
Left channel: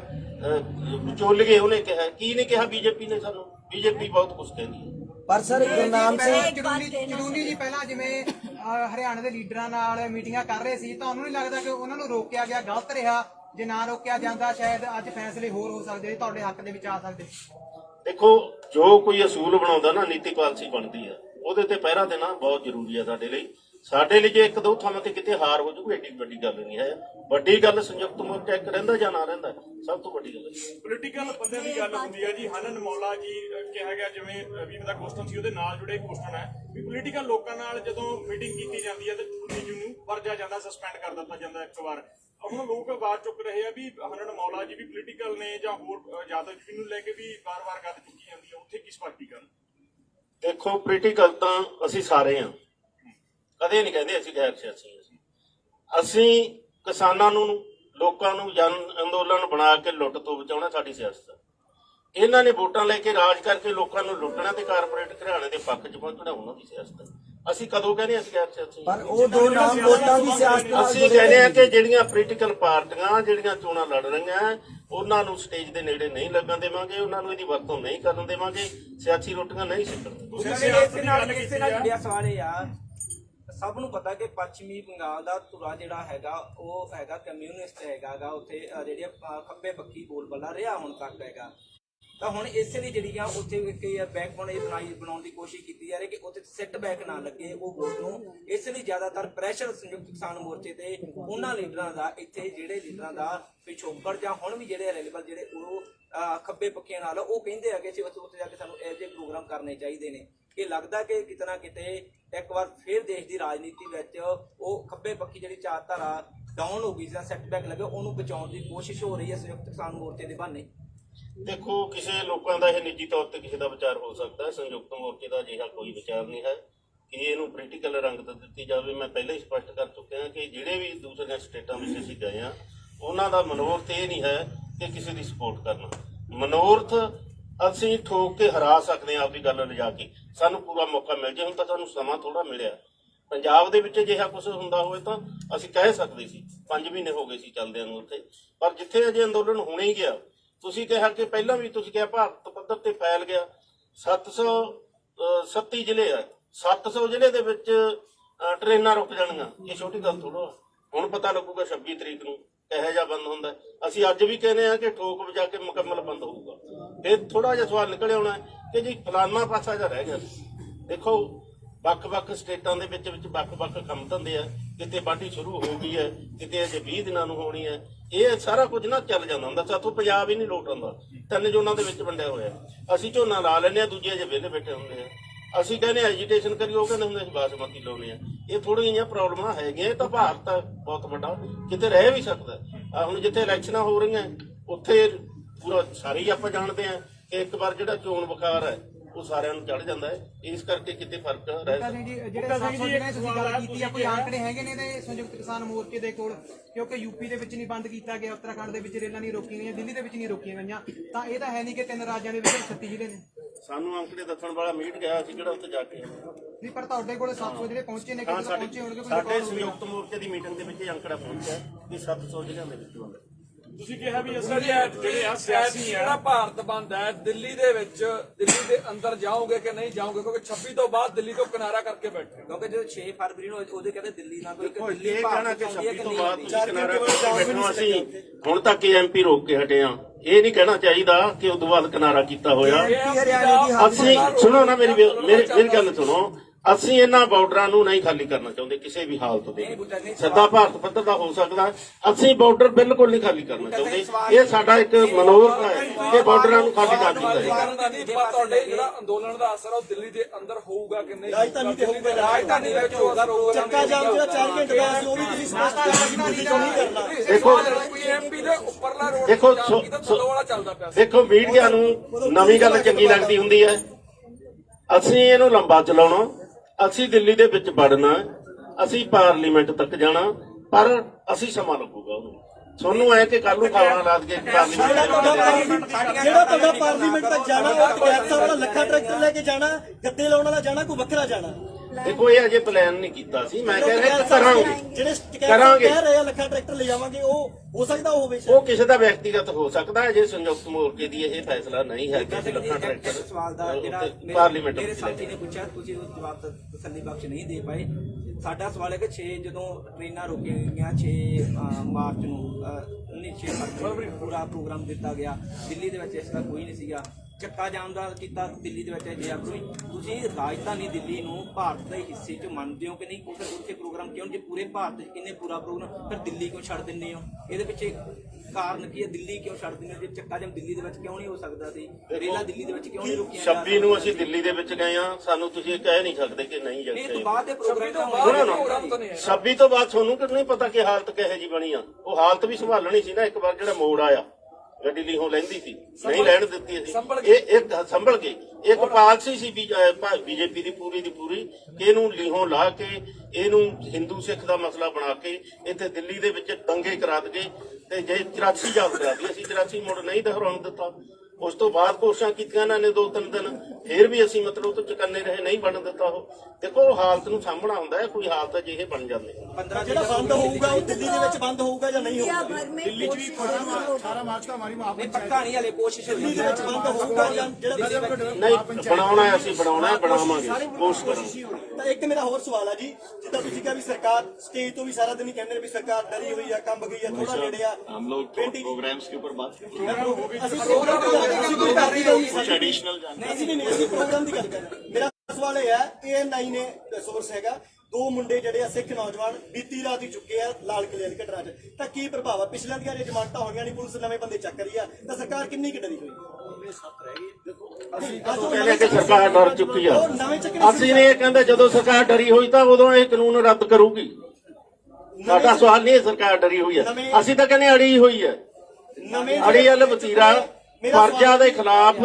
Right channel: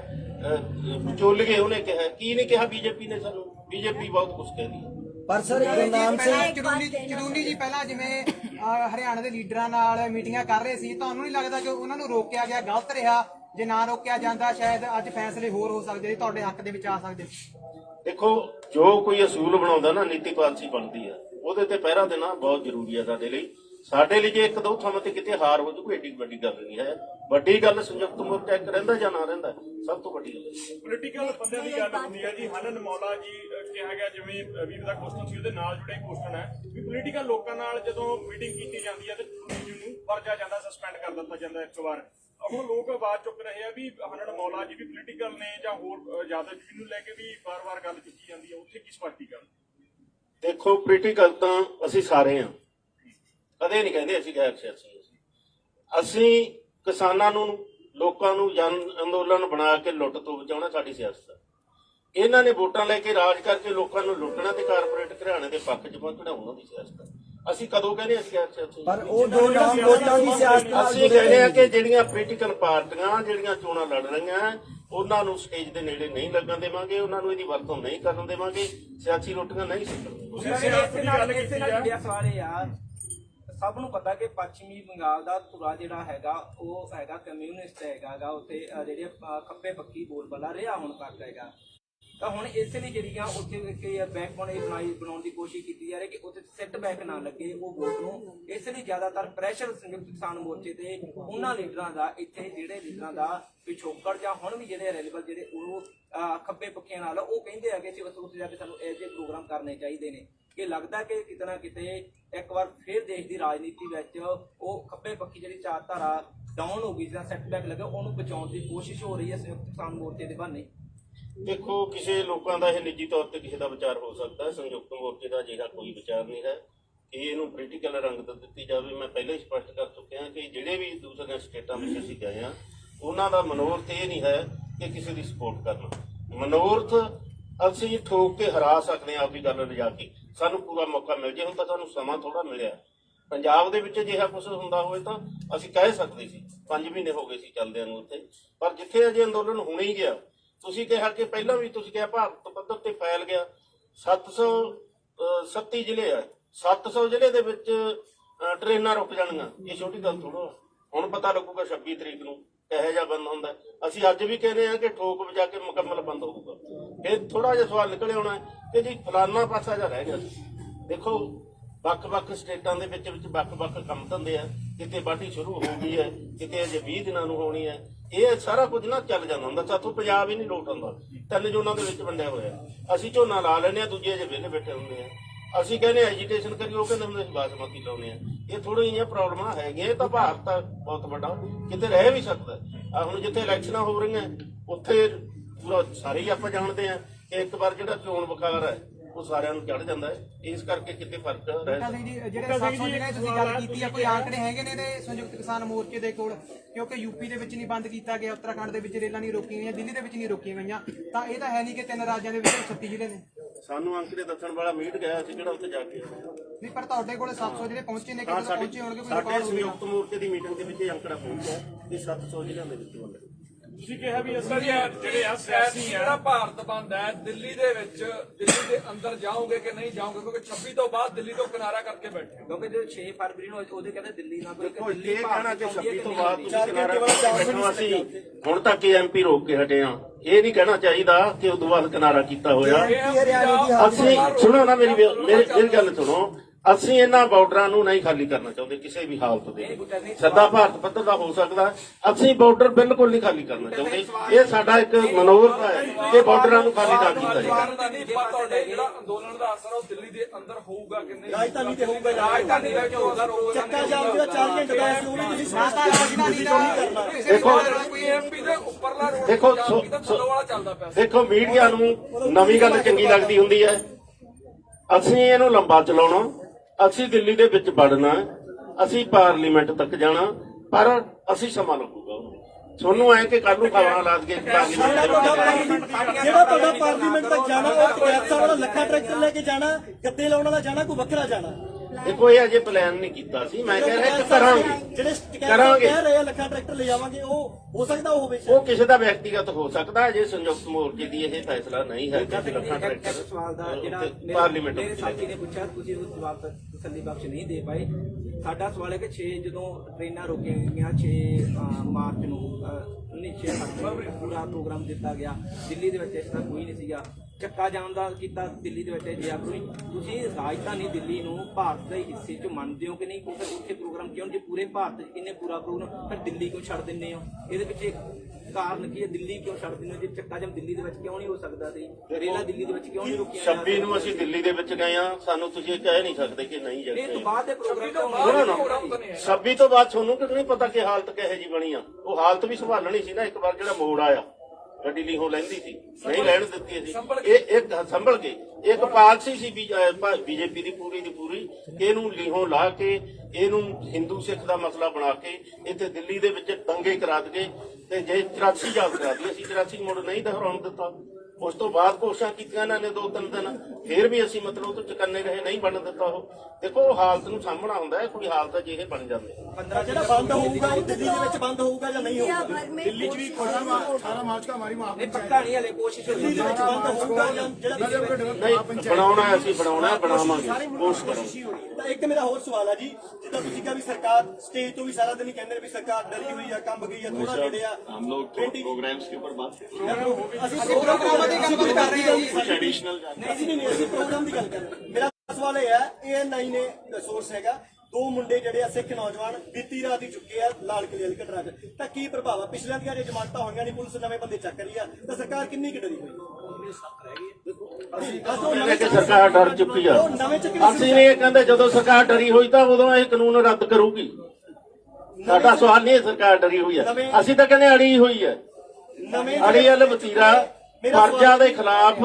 ਵਿਚੋਲਗੇ ਉਹਨੇ ਕਿਹਾ, ਕੀ ਨਹੀਂ ਕਿਹਾ ਬੀਜੇਪੀ ਨੇ? ਸਾਨੂੰ ਬੀਜੇਪੀ ਬਹੁਤ ਕੁਝ ਕਹਿੰਦੀ ਹੈ। ਪਰ ਸਰ ਗੁਰਨਾਮ ਸਿੰਘ ਜਰੂਰੀ ਜੀ ਪਹਿਲਾਂ ਜਿਵੇਂ ਹਰਿਆਣਾ ਦੇ ਲੀਡਰਾਂ ਨਾਲ ਮੀਟਿੰਗਾਂ ਕਰ ਰਹੇ ਸੀ, ਤੁਹਾਨੂੰ ਨਹੀਂ ਲੱਗਦਾ ਕਿ ਉਹਨਾਂ ਨੂੰ ਰੋਕਿਆ ਗਿਆ ਗਲਤ ਰਿਹਾ? ਜੇ ਨਾ ਰੋਕਿਆ ਜਾਂਦਾ ਸ਼ਾਇਦ ਅੱਜ ਫੈਸਲੇ ਹੋਰ ਹੋ ਸਕਦੇ, ਤੁਹਾਡੇ ਹੱਕ ਦੇ ਵਿੱਚ ਆ ਸਕਦੇ। ਦੇਖੋ ਜੋ ਕੋਈ ਅਸੂਲ ਬਣਾਉਂਦਾ ਨਾ, ਨੀਤੀ ਪਾਲਿਸੀ ਬਣਦੀ ਆ, ਉਹਦੇ ਤੇ ਪਹਿਰਾ ਦੇਣਾ ਬਹੁਤ ਜ਼ਰੂਰੀ ਹੈ ਸਾਡੇ ਲਈ। ਸਾਡੇ ਲਈ ਜੇ ਇੱਕ ਦੋ ਥਾਵਾਂ ਤੇ ਕਿਤੇ ਹਾਰ ਹੋ ਜੂ ਐਡੀ ਵੱਡੀ ਗੱਲ ਨਹੀਂ ਹੈ। ਵੱਡੀ ਗੱਲ ਸੰਯੁਕਤ ਮੋਰਚਾ ਇੱਕ ਰਹਿੰਦਾ ਜਾਂ ਨਾ ਰਹਿੰਦਾ, ਸਭ ਤੋਂ ਵੱਡੀ ਗੱਲ ਹੈ। ਪੋਲੀਟੀਕਲ ਬੰਦੇ ਦੀ ਗੱਲ ਹੁੰਦੀ ਹੈ ਜੀ। ਹਨਨ ਮੌਲਾ ਜੀ ਕਿਹਾ ਗਿਆ, ਜਿਵੇਂ ਵੀਰ ਦਾ ਕੁਐਸਚਨ ਸੀ ਉਹਦੇ ਨਾਲ ਜੁੜੇ ਕੁਐਸਚਨ ਹੈ ਵੀ ਪੋਲੀਟੀਕਲ ਲੋਕਾਂ ਨਾਲ ਜਦੋਂ ਮੀਟਿੰਗ ਕੀਤੀ ਜਾਂਦੀ ਹੈ ਤੇ ਜੀ ਨੂੰ ਵਰਜਾ ਜਾਂਦਾ, ਸਸਪੈਂਡ ਕਰ ਦਿੱਤਾ ਜਾਂਦਾ ਇੱਕ ਵਾਰ। ਹੁਣ ਲੋਕ ਆਵਾਜ਼ ਚੁੱਕ ਰਹੇ ਆ ਵੀ ਹਨਨ ਮੌਲਾ ਜੀ ਵੀ ਪੋਲੀਟੀਕਲ ਨੇ ਜਾਂ ਹੋਰ ਯਾਦਵ ਜੀ ਨੂੰ ਲੈ ਕੇ ਵੀ ਵਾਰ-ਵਾਰ ਗੱਲ ਚੁੱਕੀ ਜਾਂਦੀ ਹੈ, ਉੱਥੇ ਕੀ ਸਪਸ਼ਟੀਕਰਨ? ਦੇਖੋ ਪੋਲੀਟੀਕਲ ਤਾਂ ਅਸੀਂ ਸਾਰੇ ਹਾਂ, ਕਦੇ ਨਹੀਂ ਕਹਿੰਦੇ ਅਸੀਂ ਗੈਰ ਸਿਆਸੀ। ਅਸੀਂ ਕਿਸਾਨਾਂ ਨੂੰ, ਲੋਕਾਂ ਨੂੰ ਜਨ ਅੰਦੋਲਨ ਬਣਾ ਕੇ ਲੁੱਟ ਤੋਂ ਬਚਾਉਣਾ ਸਾਡੀ ਸਿਆਸਤ ਹੈ। ਇਹਨਾਂ ਨੇ ਵੋਟਾਂ ਲੈ ਕੇ ਰਾਜ ਕਰਕੇ ਲੋਕਾਂ ਨੂੰ ਲੁੱਟਣਾ ਤੇ ਕਾਰਪੋਰੇਟ ਘਰਾਣੇ ਦੇ ਪੱਖ 'ਚ ਪਹੁੰਚਣਾ ਉਹਨਾਂ ਦੀ ਸਿਆਸਤ ਹੈ। ਅਸੀਂ ਕਦੋਂ ਕਹਿੰਦੇ ਅਸੀਂ ਗੈਰ ਸਿਆਸੀ? ਪਰ ਉਹ ਦੋ ਨਾਮ ਵੋਟਾਂ ਦੀ ਸਿਆਸਤ ਅਸੀਂ ਕਹਿੰਦੇ ਹਾਂ ਕਿ ਜਿਹੜੀਆਂ ਪੋਲੀਟੀਕਲ ਪਾਰਟੀਆਂ ਜਿਹੜੀਆਂ ਚੋਣਾਂ ਲੜ ਰਹੀਆਂ ਉਹਨਾਂ ਨੂੰ ਸਟੇਜ ਦੇ ਨੇੜੇ ਨਹੀਂ ਲੱਗਣ ਦੇਵਾਂਗੇ, ਉਹਨਾਂ ਨੂੰ ਇਹਦੀ ਵਰਤੋਂ ਨਹੀਂ ਕਰਨ ਦੇਵਾਂਗੇ, ਸਿਆਸੀ ਰੋਟੀਆਂ ਨਹੀਂ ਸਿੱਖਣ। ਸਵਾਲ ਇਹ ਆ, ਸਭ ਨੂੰ ਪਤਾ ਕਿ ਪੱਛਮੀ ਬੰਗਾਲ ਦਾ ਧੁਰਾ ਜਿਹੜਾ ਹੈਗਾ ਉਹ ਹੈਗਾ ਕਮਿਊਨਿਸਟ ਹੈਗਾ, ਉੱਥੇ ਜਿਹੜੇ ਖੱਬੇ ਪੱਖੀ ਬੋਲਬਾਲਾ ਰਿਹਾ ਹੁਣ ਤੱਕ ਹੈਗਾ। ਤਾਂ ਹੁਣ ਇਸੇ ਲਈ ਜਿਹੜੀ ਆ ਉੱਥੇ ਬੈਕ ਬਣਾਉਣ ਦੀ ਕੋਸ਼ਿਸ਼ ਕੀਤੀ ਜਾ ਰਹੀ ਕਿ ਉੱਥੇ ਸੈੱਟ ਬੈਕ ਨਾ ਲੱਗੇ ਉਹ ਵੋਟ ਨੂੰ। ਇਸ ਲਈ ਜ਼ਿਆਦਾਤਰ ਪ੍ਰੈਸ਼ਰ ਸੰਯੁਕਤ ਕਿਸਾਨ ਮੋਰਚੇ ਤੇ ਉਹਨਾਂ ਲੀਡਰਾਂ ਦਾ, ਇੱਥੇ ਜਿਹੜੇ ਲੀਡਰਾਂ ਦਾ ਪਿਛੋਕੜ ਜਾਂ ਹੁਣ ਵੀ ਜਿਹੜੇ ਅਵੇਲੇਬਲ ਜਿਹੜੇ ਉਹ ਖੱਬੇ ਪੱਖੀਆਂ ਨਾਲ ਉਹ ਕਹਿੰਦੇ ਆ ਕਿ ਅਸੀਂ ਉੱਥੇ ਜਾ ਕੇ ਸਾਨੂੰ ਇਹੋ ਜਿਹੇ ਪ੍ਰੋਗਰਾਮ ਕਰਨੇ ਚਾਹੀਦੇ ਨੇ। ਕਿ ਲੱਗਦਾ ਕਿ ਕਿਤੇ ਨਾ ਕਿਤੇ ਇੱਕ ਵਾਰ ਫਿਰ ਦੇਸ਼ ਦੀ ਰਾਜਨੀਤੀ ਵਿੱਚ ਉਹ ਖੱਬੇ ਪੱਖੀ ਜਿਹੜੀ ਚਾਰਧਾਰਾ ਡਾਊਨ ਹੋ ਗਈ ਜਾਂ ਸੈਟਬੈਕ ਲੱਗਾ, ਉਹਨੂੰ ਬਚਾਉਣ ਦੀ ਕੋਸ਼ਿਸ਼ ਹੋ ਰਹੀ ਹੈ ਸੰਯੁਕਤ ਕਿਸਾਨ ਮੋਰਚੇ ਦੇ ਬਹਾਨੇ। ਦੇਖੋ ਕਿਸੇ ਲੋਕਾਂ ਦਾ ਇਹ ਨਿੱਜੀ ਤੌਰ ਤੇ ਕਿਸੇ ਦਾ ਵਿਚਾਰ ਹੋ ਸਕਦਾ ਹੈ, ਸੰਯੁਕਤ ਮੋਰਚੇ ਦਾ ਅਜਿਹਾ ਕੋਈ ਵਿਚਾਰ ਨਹੀਂ ਹੈ ਕਿ ਇਹਨੂੰ ਪੋਲੀਟੀਕਲ ਰੰਗਤ ਦਿੱਤੀ ਜਾਵੇ। ਮੈਂ ਪਹਿਲਾਂ ਹੀ ਸਪਸ਼ਟ ਕਰ ਚੁੱਕਿਆ ਕਿ ਜਿਹੜੇ ਵੀ ਦੂਸਰੀਆਂ ਸਟੇਟਾਂ ਵਿੱਚ ਅਸੀਂ ਗਏ ਆ ਉਹਨਾਂ ਦਾ ਮਨੋਰਥ ਇਹ ਨਹੀਂ ਹੈ ਕਿ ਕਿਸੇ ਦੀ ਸਪੋਰਟ ਕਰਨਾ। ਮਨੋਰਥ ਅਸੀਂ ਠੋਕ ਕੇ ਹਰਾ ਸਕਦੇ ਹਾਂ ਆਪਦੀ ਗੱਲ ਲਿਜਾ ਕੇ, ਸਾਨੂੰ ਪੂਰਾ ਮੌਕਾ ਮਿਲ ਜੇ। ਹੁਣ ਤਾਂ ਸਾਨੂੰ ਸਮਾਂ ਥੋੜਾ ਮਿਲਿਆ। ਪੰਜਾਬ ਦੇ ਵਿੱਚ ਅਜਿਹਾ ਕੁਝ ਹੁੰਦਾ ਹੋਵੇ ਤਾਂ ਅਸੀਂ ਕਹਿ ਸਕਦੇ ਸੀ, 5 ਮਹੀਨੇ ਹੋ ਗਏ ਸੀ ਚੱਲਦਿਆਂ ਨੂੰ ਉੱਥੇ, ਪਰ ਜਿੱਥੇ ਅਜੇ ਅੰਦੋਲਨ ਹੋਣੇ ਹੀ ਗਿਆ। ਤੁਸੀਂ ਕਿਹਾ ਕਿ ਪਹਿਲਾਂ ਵੀ ਤੁਸੀਂ ਕਿਹਾ ਭਾਰਤ ਪੱਧਰ ਤੇ ਫੈਲ ਗਿਆ। 737 ਜ਼ਿਲ੍ਹੇ ਆ, 700 ਜ਼ਿਲ੍ਹੇ ਦੇ ਵਿੱਚ ਟ੍ਰੇਨਾਂ ਰੁਕ ਜਾਣਗੀਆਂ, ਇਹ ਛੋਟੀ ਗੱਲ ਥੋੜਾ। ਹੁਣ ਪਤਾ ਲੱਗੂਗਾ 26 ਤਰੀਕ ਨੂੰ ਕਿਹੋ ਜਿਹਾ ਬੰਦ ਹੁੰਦਾ। ਅਸੀਂ ਅੱਜ ਵੀ ਕਹਿੰਦੇ ਆ ਕਿ ਠੋਕ ਵਜਾ ਕੇ ਮੁਕੰਮਲ ਬੰਦ ਹੋਊਗਾ। ਫਿਰ ਥੋੜਾ ਜਿਹਾ ਸਵਾਲ ਨਿਕਲ ਆਉਣਾ ਕਿ ਜੀ ਫਲਾਨਾ ਪਾਸਾ ਜਿਹਾ ਰਹਿ ਗਿਆ। ਦੇਖੋ ਵੱਖ-ਵੱਖ ਸਟੇਟਾਂ ਦੇ ਵਿੱਚ ਵੱਖ-ਵੱਖ ਕੰਮ ਧੰਦੇ ਆ, ਕਿਤੇ ਵਾਢੀ ਸ਼ੁਰੂ ਹੋ ਗਈ ਹੈ, ਕਿਤੇ ਅਜੇ 20 ਦਿਨਾਂ ਨੂੰ ਹੋਣੀ ਹੈ। ਇਹ ਸਾਰਾ ਕੁਝ ਨਾ ਚੱਲ ਜਾਂਦਾ ਹੁੰਦਾ। ਸਾਥੋਂ ਪੰਜਾਬ ਹੀ ਨਹੀਂ ਲੋਟ ਆਉਂਦਾ, 3 ਜ਼ੋਨਾਂ ਦੇ ਵਿੱਚ ਵੰਡਿਆ ਹੋਇਆ। ਅਸੀਂ ਝੋਨਾ ਲਾ ਲੈਂਦੇ ਆ, ਦੂਜੇ ਅਜੇ ਵਿਹਲੇ ਬੈਠੇ ਹੁੰਦੇ ਆ। ਅਸੀਂ ਕਹਿੰਦੇ ਐਜੀਟੇਸ਼ਨ ਕਰੀ, ਉਹ ਕਹਿੰਦੇ ਹੁੰਦੇ ਅਸੀਂ ਬਾਸਮਤੀ ਲਾਉਣੇ ਆ। ਇਹ ਥੋੜ੍ਹੀਆਂ ਜਿਹੀਆਂ ਪ੍ਰੋਬਲਮਾਂ ਹੈਗੀਆਂ। ਇਹ ਤਾਂ ਭਾਰਤ ਆ ਬਹੁਤ ਵੱਡਾ, ਕਿਤੇ ਰਹਿ ਵੀ ਸਕਦਾ। ਆ ਹੁਣ ਜਿੱਥੇ ਇਲੈਕਸ਼ਨਾਂ ਹੋ ਰਹੀਆਂ ਉੱਥੇ ਪੂਰਾ ਸਾਰੇ ਹੀ ਆਪਾਂ ਜਾਣਦੇ ਆ ਕਿ ਇੱਕ ਵਾਰ ਜਿਹੜਾ ਚੋਣ ਬੁਖਾਰ ਹੈ ਉਹ ਸਾਰਿਆਂ ਨੂੰ ਚੜ ਜਾਂਦਾ ਹੈ। ਇਸ ਕਰਕੇ ਕਿਤੇ ਫਰਕ ਰਹਿ ਸਕਦਾ। ਜਿਹੜੇ ਤੁਸੀਂ ਗੱਲ ਕੀਤੀ ਆ, ਕੋਈ ਆંકੜੇ ਹੈਗੇ ਨੇ ਤੇ ਸੰਯੁਕਤ ਕਿਸਾਨ ਮੋਰਚੇ ਦੇ ਕੋਲ? ਕਿਉਂਕਿ ਯੂਪੀ ਦੇ ਵਿੱਚ ਨਹੀਂ ਬੰਦ ਕੀਤਾ ਗਿਆ, ਉੱਤਰਾਖੰਡ ਦੇ ਵਿੱਚ ਰੇਲਾਂ ਨਹੀਂ ਰੋਕੀਆਂ ਗਈਆਂ, ਦਿੱਲੀ ਦੇ ਵਿੱਚ ਨਹੀਂ ਰੋਕੀਆਂ ਗਈਆਂ, ਤਾਂ ਇਹ ਤਾਂ ਹੈ ਨਹੀਂ ਕਿ 3 ਰਾਜਾਂ ਦੇ ਵਿੱਚ 36 ਜ਼ਿਲ੍ਹੇ ਨੇ। ਸਾਨੂੰ ਅੰਕੜੇ ਦੱਸਣ ਵਾਲਾ ਮੀਟ ਗਿਆ ਸੀ, ਕਿਹੜਾ ਉੱਥੇ ਜਾ ਕੇ ਨਹੀਂ, ਪਰ ਤੁਹਾਡੇ ਕੋਲ 700 ਜਿਹੜੇ ਪਹੁੰਚੇ ਨੇ, ਹਾਂ, ਕਿਤੇ ਪਹੁੰਚੇ ਹੋਣਗੇ। ਸਾਡੇ ਸੰਯੁਕਤ ਮੋਰਚੇ ਦੀ ਮੀਟਿੰਗ ਦੇ ਵਿੱਚ ਇਹ ਅੰਕੜਾ ਪਹੁੰਚਿਆ ਕਿ 700 ਜ਼ਿਲ੍ਹਿਆਂ ਦੇ ਵਿੱਚ ਬੰਦ। ਤੁਸੀਂ ਕਿਹਾ ਵੀ ਅਸੀਂ ਜਿਹੜੇ ਆ ਸਿਆਸੀ ਆ, ਜਿਹੜਾ ਭਾਰਤ ਬੰਦ ਹੈ, ਦਿੱਲੀ ਦੇ ਵਿੱਚ, ਦਿੱਲੀ ਦੇ ਅੰਦਰ ਜਾਓਗੇ ਕਿ ਨਹੀਂ ਜਾਓਗੇ? ਕਿਉਂਕਿ 26 ਤੋਂ ਬਾਅਦ ਦਿੱਲੀ ਤੋਂ ਕਿਨਾਰਾ ਕਰਕੇ ਬੈਠੇ। ਕਿਉਂਕਿ ਜੋ 6 ਫਰਵਰੀ ਨੂੰ ਉਹਦੇ ਕਹਿੰਦੇ ਦਿੱਲੀ ਨਾਲ ਦੇਖੋ ਇਹ ਕਹਿਣਾ ਕਿ 26 ਤੋਂ ਬਾਅਦ ਤੁਸੀਂ ਕਿਨਾਰਾ ਕਰਕੇ ਬੈਠੋ। ਅਸੀਂ ਹੁਣ ਤੱਕ ਐਮਪੀ ਰੋਕ ਕੇ ਹਟੇ ਆ। ਇਹ ਨਹੀਂ ਕਹਿਣਾ ਚਾਹੀਦਾ ਕਿ ਉਦੋਂ ਬਾਅਦ ਕਿਨਾਰਾ ਕੀਤਾ ਹੋਇਆ। ਅਸੀਂ ਸੁਣੋ ਨਾ, ਮੇਰੀ ਗੱਲ ਸੁਣੋ। ਅਸੀਂ ਇਹਨਾਂ ਬਾਰਡਰਾਂ ਨੂੰ ਨਹੀਂ ਖਾਲੀ ਕਰਨਾ ਚਾਹੁੰਦੇ ਕਿਸੇ ਵੀ ਹਾਲਤ ਦੇ। ਸਦਾ ਭਾਰਤ ਪੱਧਰ ਦਾ ਹੋ ਸਕਦਾ, ਅਸੀਂ ਬਾਰਡਰ ਬਿਲਕੁਲ ਨਹੀਂ ਖਾਲੀ ਕਰਨਾ ਚਾਹੁੰਦੇ। ਇਹ ਸਾਡਾ ਇੱਕ ਮਨੋਰਥ ਹੈ ਕਿ ਬਾਰਡਰਾਂ ਨੂੰ ਖਾਲੀ ਨਾ ਕੀਤਾ ਜਾਏ। ਤੁਹਾਡੇ ਜਿਹੜਾ ਅੰਦੋਲਨ ਦਾ ਅਸਰ ਉਹ ਦਿੱਲੀ ਦੇ ਅੰਦਰ ਹੋਊਗਾ ਕਿ ਨਹੀਂ? ਰਾਜਧਾਨੀ ਤੇ ਹੋਊਗਾ, ਰਾਜਧਾਨੀ ਵਿੱਚ ਹੋਊਗਾ। ਚੱਕਾ ਜਾਮ ਜਿਹੜਾ 4 ਘੰਟੇ ਦਾ ਸੀ ਉਹ ਵੀ ਤੁਸੀਂ ਸਪਸ਼ਟ ਕਰਨਾ। ਦੇਖੋ ਐਮਪੀ ਦੇ ਉੱਪਰਲਾ ਰੋਡ ਦੇਖੋ ਥੱਲੋਂ ਵਾਲਾ ਚੱਲਦਾ ਪਿਆ। ਦੇਖੋ ਮੀਡੀਆ ਨੂੰ ਨਵੀਂ ਗੱਲ ਚੰਗੀ ਲੱਗਦੀ ਹੁੰਦੀ ਹੈ। ਅਸੀਂ ਇਹਨੂੰ ਲੰਬਾ ਚਲਾਉਣਾ, ਅਸੀਂ ਦਿੱਲੀ ਦੇ ਵਿੱਚ ਵੜਨਾ, ਅਸੀਂ ਪਾਰਲੀਮੈਂਟ ਤੱਕ ਜਾਣਾ, ਪਰ ਅਸੀਂ ਸਮਾਂ ਲੱਗੂਗਾ ਉਹਨੂੰ। ਤੁਹਾਨੂੰ ਐ ਕਿ ਕੱਲ ਨੂੰ ਖਾਣਾ ਲਾ ਕੇ ਜਿਹੜਾ ਤੁਹਾਡਾ ਪਾਰਲੀਮੈਂਟ ਤੱਕ ਜਾਣਾ ਉਹ ਕੈਪਸਾ ਵਾਲਾ ਲੱਖਾਂ ਟਰੈਕਟਰ ਲੈ ਕੇ ਜਾਣਾ, ਗੱਦੇ ਲਾਉਣ ਵਾਲਾ ਜਾਣਾ, ਕੋਈ ਵੱਖਰਾ ਜਾਣਾ? ਦੇਖੋ ਇਹ ਅਜੇ ਪਲਾਨ ਨਹੀਂ ਕੀਤਾ ਸੀ। ਮੈਂ ਕਹਿ ਰਿਹਾ ਕਿ ਕਰਾਂਗੇ। ਜਿਹੜੇ ਕਹਿ ਰਹੇ ਆ ਲੱਖਾਂ ਟਰੈਕਟਰ ਲੈ ਜਾਵਾਂਗੇ, ਉਹ ਹੋ ਸਕਦਾ ਉਹ ਹੋਵੇ। ਉਹ ਕਿਸੇ ਦਾ ਵਿਅਕਤੀਗਤ ਹੋ ਸਕਦਾ ਹੈ। ਜੇ ਸੰਯੁਕਤ ਮੋਰਚੇ ਦੀ ਇਹ ਫੈਸਲਾ ਨਹੀਂ ਹੈ ਕਿ ਅਸੀਂ ਲੱਖਾਂ ਟਰੈਕਟਰ ਸਵਾਲ ਦਾ ਜਿਹੜਾ ਪਾਰਲੀਮੈਂਟ ਮੇਰੇ ਸਾਥੀ ਨੇ ਪੁੱਛਿਆ, ਤੁਸੀਂ ਉਸ ਜਵਾਬ ਦਾ ਤਸੱਲੀ ਬਖਸ਼ ਨਹੀਂ ਦੇ ਪਾਏ। ਸਾਡਾ ਸਵਾਲ ਹੈ ਕਿ 6 ਜਦੋਂ ਟ੍ਰੇਨਾਂ ਰੋਕੀਆਂ ਗਈਆਂ, 6 ਮਾਰਚ ਨੂੰ 6 ਫਰਵਰੀ ਪੂਰਾ ਪ੍ਰੋਗਰਾਮ ਦਿੱਤਾ ਗਿਆ। ਦਿੱਲੀ ਦੇ ਵਿੱਚ ਇਸ ਤਰ੍ਹਾਂ ਕੋਈ ਨਹੀਂ ਸੀਗਾ। ਚੱਕਾ ਜਾਮ ਦਾ ਕੀਤਾ ਦਿੱਲੀ ਦੇ ਵਿੱਚ ਜੇ ਕੋਈ ਤੁਸੀਂ ਰਾਜਧਾਨੀ ਦਿੱਲੀ ਨੂੰ ਭਾਰਤ ਦੇ ਹਿੱਸੇ 'ਚ ਮੰਨਦੇ ਹੋ ਕਿ ਨਹੀਂ? ਕਿਉਂਕਿ ਉੱਥੇ ਪ੍ਰੋਗਰਾਮ ਕਿਉਂ ਜੇ ਪੂਰੇ ਭਾਰਤ 'ਚ ਇੰਨੇ ਪੂਰਾ ਪ੍ਰੋਗਰਾਮ, ਫਿਰ ਦਿੱਲੀ ਕਿਉਂ ਛੱਡ ਦਿੰਦੇ ਹੋ? ਇਹਦੇ ਪਿੱਛੇ ਕਾਰਨ ਕੀ ਹੈ? ਦਿੱਲੀ ਕਿਉਂ ਛੱਡ ਦਿੰਦੇ ਹੋ? ਜੇ ਚੱਕਾ ਜਾਮ ਦਿੱਲੀ ਦੇ ਵਿੱਚ ਕਿਉਂ ਨਹੀਂ ਹੋ ਸਕਦਾ ਸੀ? ਰੇਲਾਂ ਦਿੱਲੀ ਦੇ ਵਿੱਚ ਕਿਉਂ ਨਹੀਂ ਰੁਕੀਆਂ? 26 ਨੂੰ ਅਸੀਂ ਦਿੱਲੀ ਦੇ ਵਿੱਚ ਗਏ ਆ। ਸਾਨੂੰ ਤੁਸੀਂ ਕਹਿ ਨਹੀਂ ਸਕਦੇ ਕਿ ਨਹੀਂ ਇਹ ਜਾਂਦੇ। ਬਾਅਦ ਦੇ ਪ੍ਰੋਗਰਾਮ 26 ਤੋਂ ਬਾਅਦ ਤੁਹਾਨੂੰ ਕਿ ਨਹੀਂ ਪਤਾ ਕਿ ਹਾਲਤ ਕਿਹੋ ਜੀ ਬਣੀ ਆ। ਉਹ ਹਾਲਤ ਵੀ ਸੰਭਾਲਣੀ ਸੀ ਨਾ। ਇੱਕ ਵਾਰ ਜਿਹੜਾ ਮੋੜ ਆਇਆ, ਗੱਡੀ ਲੀਹੋਂ ਲੈਂਦੀ ਸੀ, ਨਹੀਂ ਲੈਣ ਦਿੱਤੀ ਅਸੀਂ। ਇਹ ਇੱਕ ਸੰਭਲ ਕੇ ਇੱਕ ਪਾਲਸੀ ਸੀ ਬੀਜੇਪੀ ਦੀ ਪੂਰੀ ਕਿ ਇਹਨੂੰ ਲੀਹੋਂ ਲਾ ਕੇ ਇਹਨੂੰ ਹਿੰਦੂ ਸਿੱਖ ਦਾ ਮਸਲਾ ਬਣਾ ਕੇ ਇੱਥੇ ਦਿੱਲੀ ਦੇ ਵਿੱਚ ਦੰਗੇ ਕਰਾ ਦਈਏ। ਤੇ ਜੇ 84 ਯਾਦ ਕਰਾ ਦਈਏ, ਅਸੀਂ 84 ਮੁੜ ਨਹੀਂ ਦੁਹਰਾਉਣ ਦਿੱਤਾ। ਉਸ ਤੋਂ ਬਾਅਦ ਕੋਸ਼ਿਸ਼ਾਂ ਕੀਤੀਆਂ ਇਹਨਾਂ ਨੇ 2-3 ਦਿਨ, ਫਿਰ ਵੀ ਅਸੀਂ ਮਤਲਬ ਉਹ ਤੋਂ ਚੁਕੰਨੇ ਰਹੇ, ਨਹੀਂ ਬਣਨ ਦਿੱਤਾ। ਉਹ ਦੇਖੋ ਹਾਲਤ ਨੂੰ ਸਾਹਮਣਾ ਹੁੰਦਾ ਹੈ। ਕੋਈ ਹਾਲਤ ਜਿਹੇ ਬਣ ਜਾਂਦੇ। ਜਿਹੜਾ ਬੰਦ ਹੋਊਗਾ ਉਹ ਦਿੱਲੀ ਦੇ ਵਿੱਚ ਬੰਦ ਹੋਊਗਾ ਜਾਂ ਨਹੀਂ ਹੋਊਗਾ? दिल्ली में भी 18 मार्च का हमारी महापंचायत ਪੱਕਾ ਨਹੀਂ ਹਲੇ ਕੋਸ਼ਿਸ਼ ਦਿੱਲੀ ਦੇ ਵਿੱਚ ਬੰਦ ਹੋਊਗਾ ਜਾਂ ਜਿਹੜਾ ਨਹੀਂ ਬਣਾਉਣਾ, ਅਸੀਂ ਬਣਾਉਣਾ, ਬਣਾਵਾਂਗੇ, ਕੋਸ਼ਿਸ਼ ਕਰਾਂਗੇ। ਤਾਂ ਇੱਕ ਮੇਰਾ ਹੋਰ ਸਵਾਲ ਆ ਜੀ, ਜਿੱਦਾਂ ਤੁਸੀਂ ਕਿਹਾ ਵੀ ਸਰਕਾਰ ਸਟੇਜ ਤੋਂ ਵੀ ਸਾਰਾ ਦਿਨ ਹੀ ਕਹਿੰਦੇ ਨੇ ਵੀ ਸਰਕਾਰ ਡਰੀ ਹੋਈ ਆ, ਕੰਬ ਗਈ ਆ, ਥੋੜਾ ਨੇੜੇ ਆ। हम लोग प्रोग्राम्स के ऊपर बात करते हैं। ਅਸੀਂ ਪ੍ਰੋਗਰਾਮ ਦੀ ਗੱਲ ट्रेडिशनल ਅਸੀਂ ਪ੍ਰੋਗਰਾਮ ਦੀ ਗੱਲ ਕਰ ਰਹੇ। ਮੇਰਾ ਸਵਾਲ ਇਹ ਹੈ, ANI ਨੇ ਸੋਰਸ ਹੈਗਾ, 2 ਮੁੰਡੇ ਜਿਹੜੇ ਆ ਸਿੱਖ ਨੌਜਵਾਨ ਬੀਤੀ ਰਾਤ ਹੀ ਚੁੱਕੇ ਆ ਲਾਲ ਕਿਲੇ ਦੀ ਘਟਨਾ 'ਚ, ਤਾਂ ਕੀ ਪ੍ਰਭਾਵ ਆ? ਪਿਛਲੀਆਂ ਦੀਆਂ ਜ਼ਮਾਨਤਾਂ ਹੋਈਆਂ ਨਹੀਂ, ਪੁਲਿਸ ਨਵੇਂ ਬੰਦੇ ਚੱਕ ਰਹੀ ਆ, ਤਾਂ ਸਰਕਾਰ ਕਿੰਨੀ ਕੁ ਡਰੀ ਹੋਈ? ਕਹਿੰਦੇ ਕਿ ਸਰਕਾਰ ਡਰ ਚੁੱਕੀ ਆ। ਅਸੀਂ ਇਹ ਕਹਿੰਦੇ ਜਦੋਂ ਸਰਕਾਰ ਡਰੀ ਹੋਈ ਤਾਂ ਉਦੋਂ ਇਹ ਕਾਨੂੰਨ ਰੱਦ ਕਰੂਗੀ। ਸਾਡਾ ਸਵਾਲ ਨਹੀਂ ਸਰਕਾਰ ਡਰੀ ਹੋਈ ਹੈ, ਅਸੀਂ ਤਾਂ ਕਹਿੰਦੇ ਅੜੀ ਹੋਈ ਹੈ। ਅੜੀ ਵਾਲ ਵਤੀਰਾ ਫਰਜ਼ਾਂ ਦੇ ਖਿਲਾਫ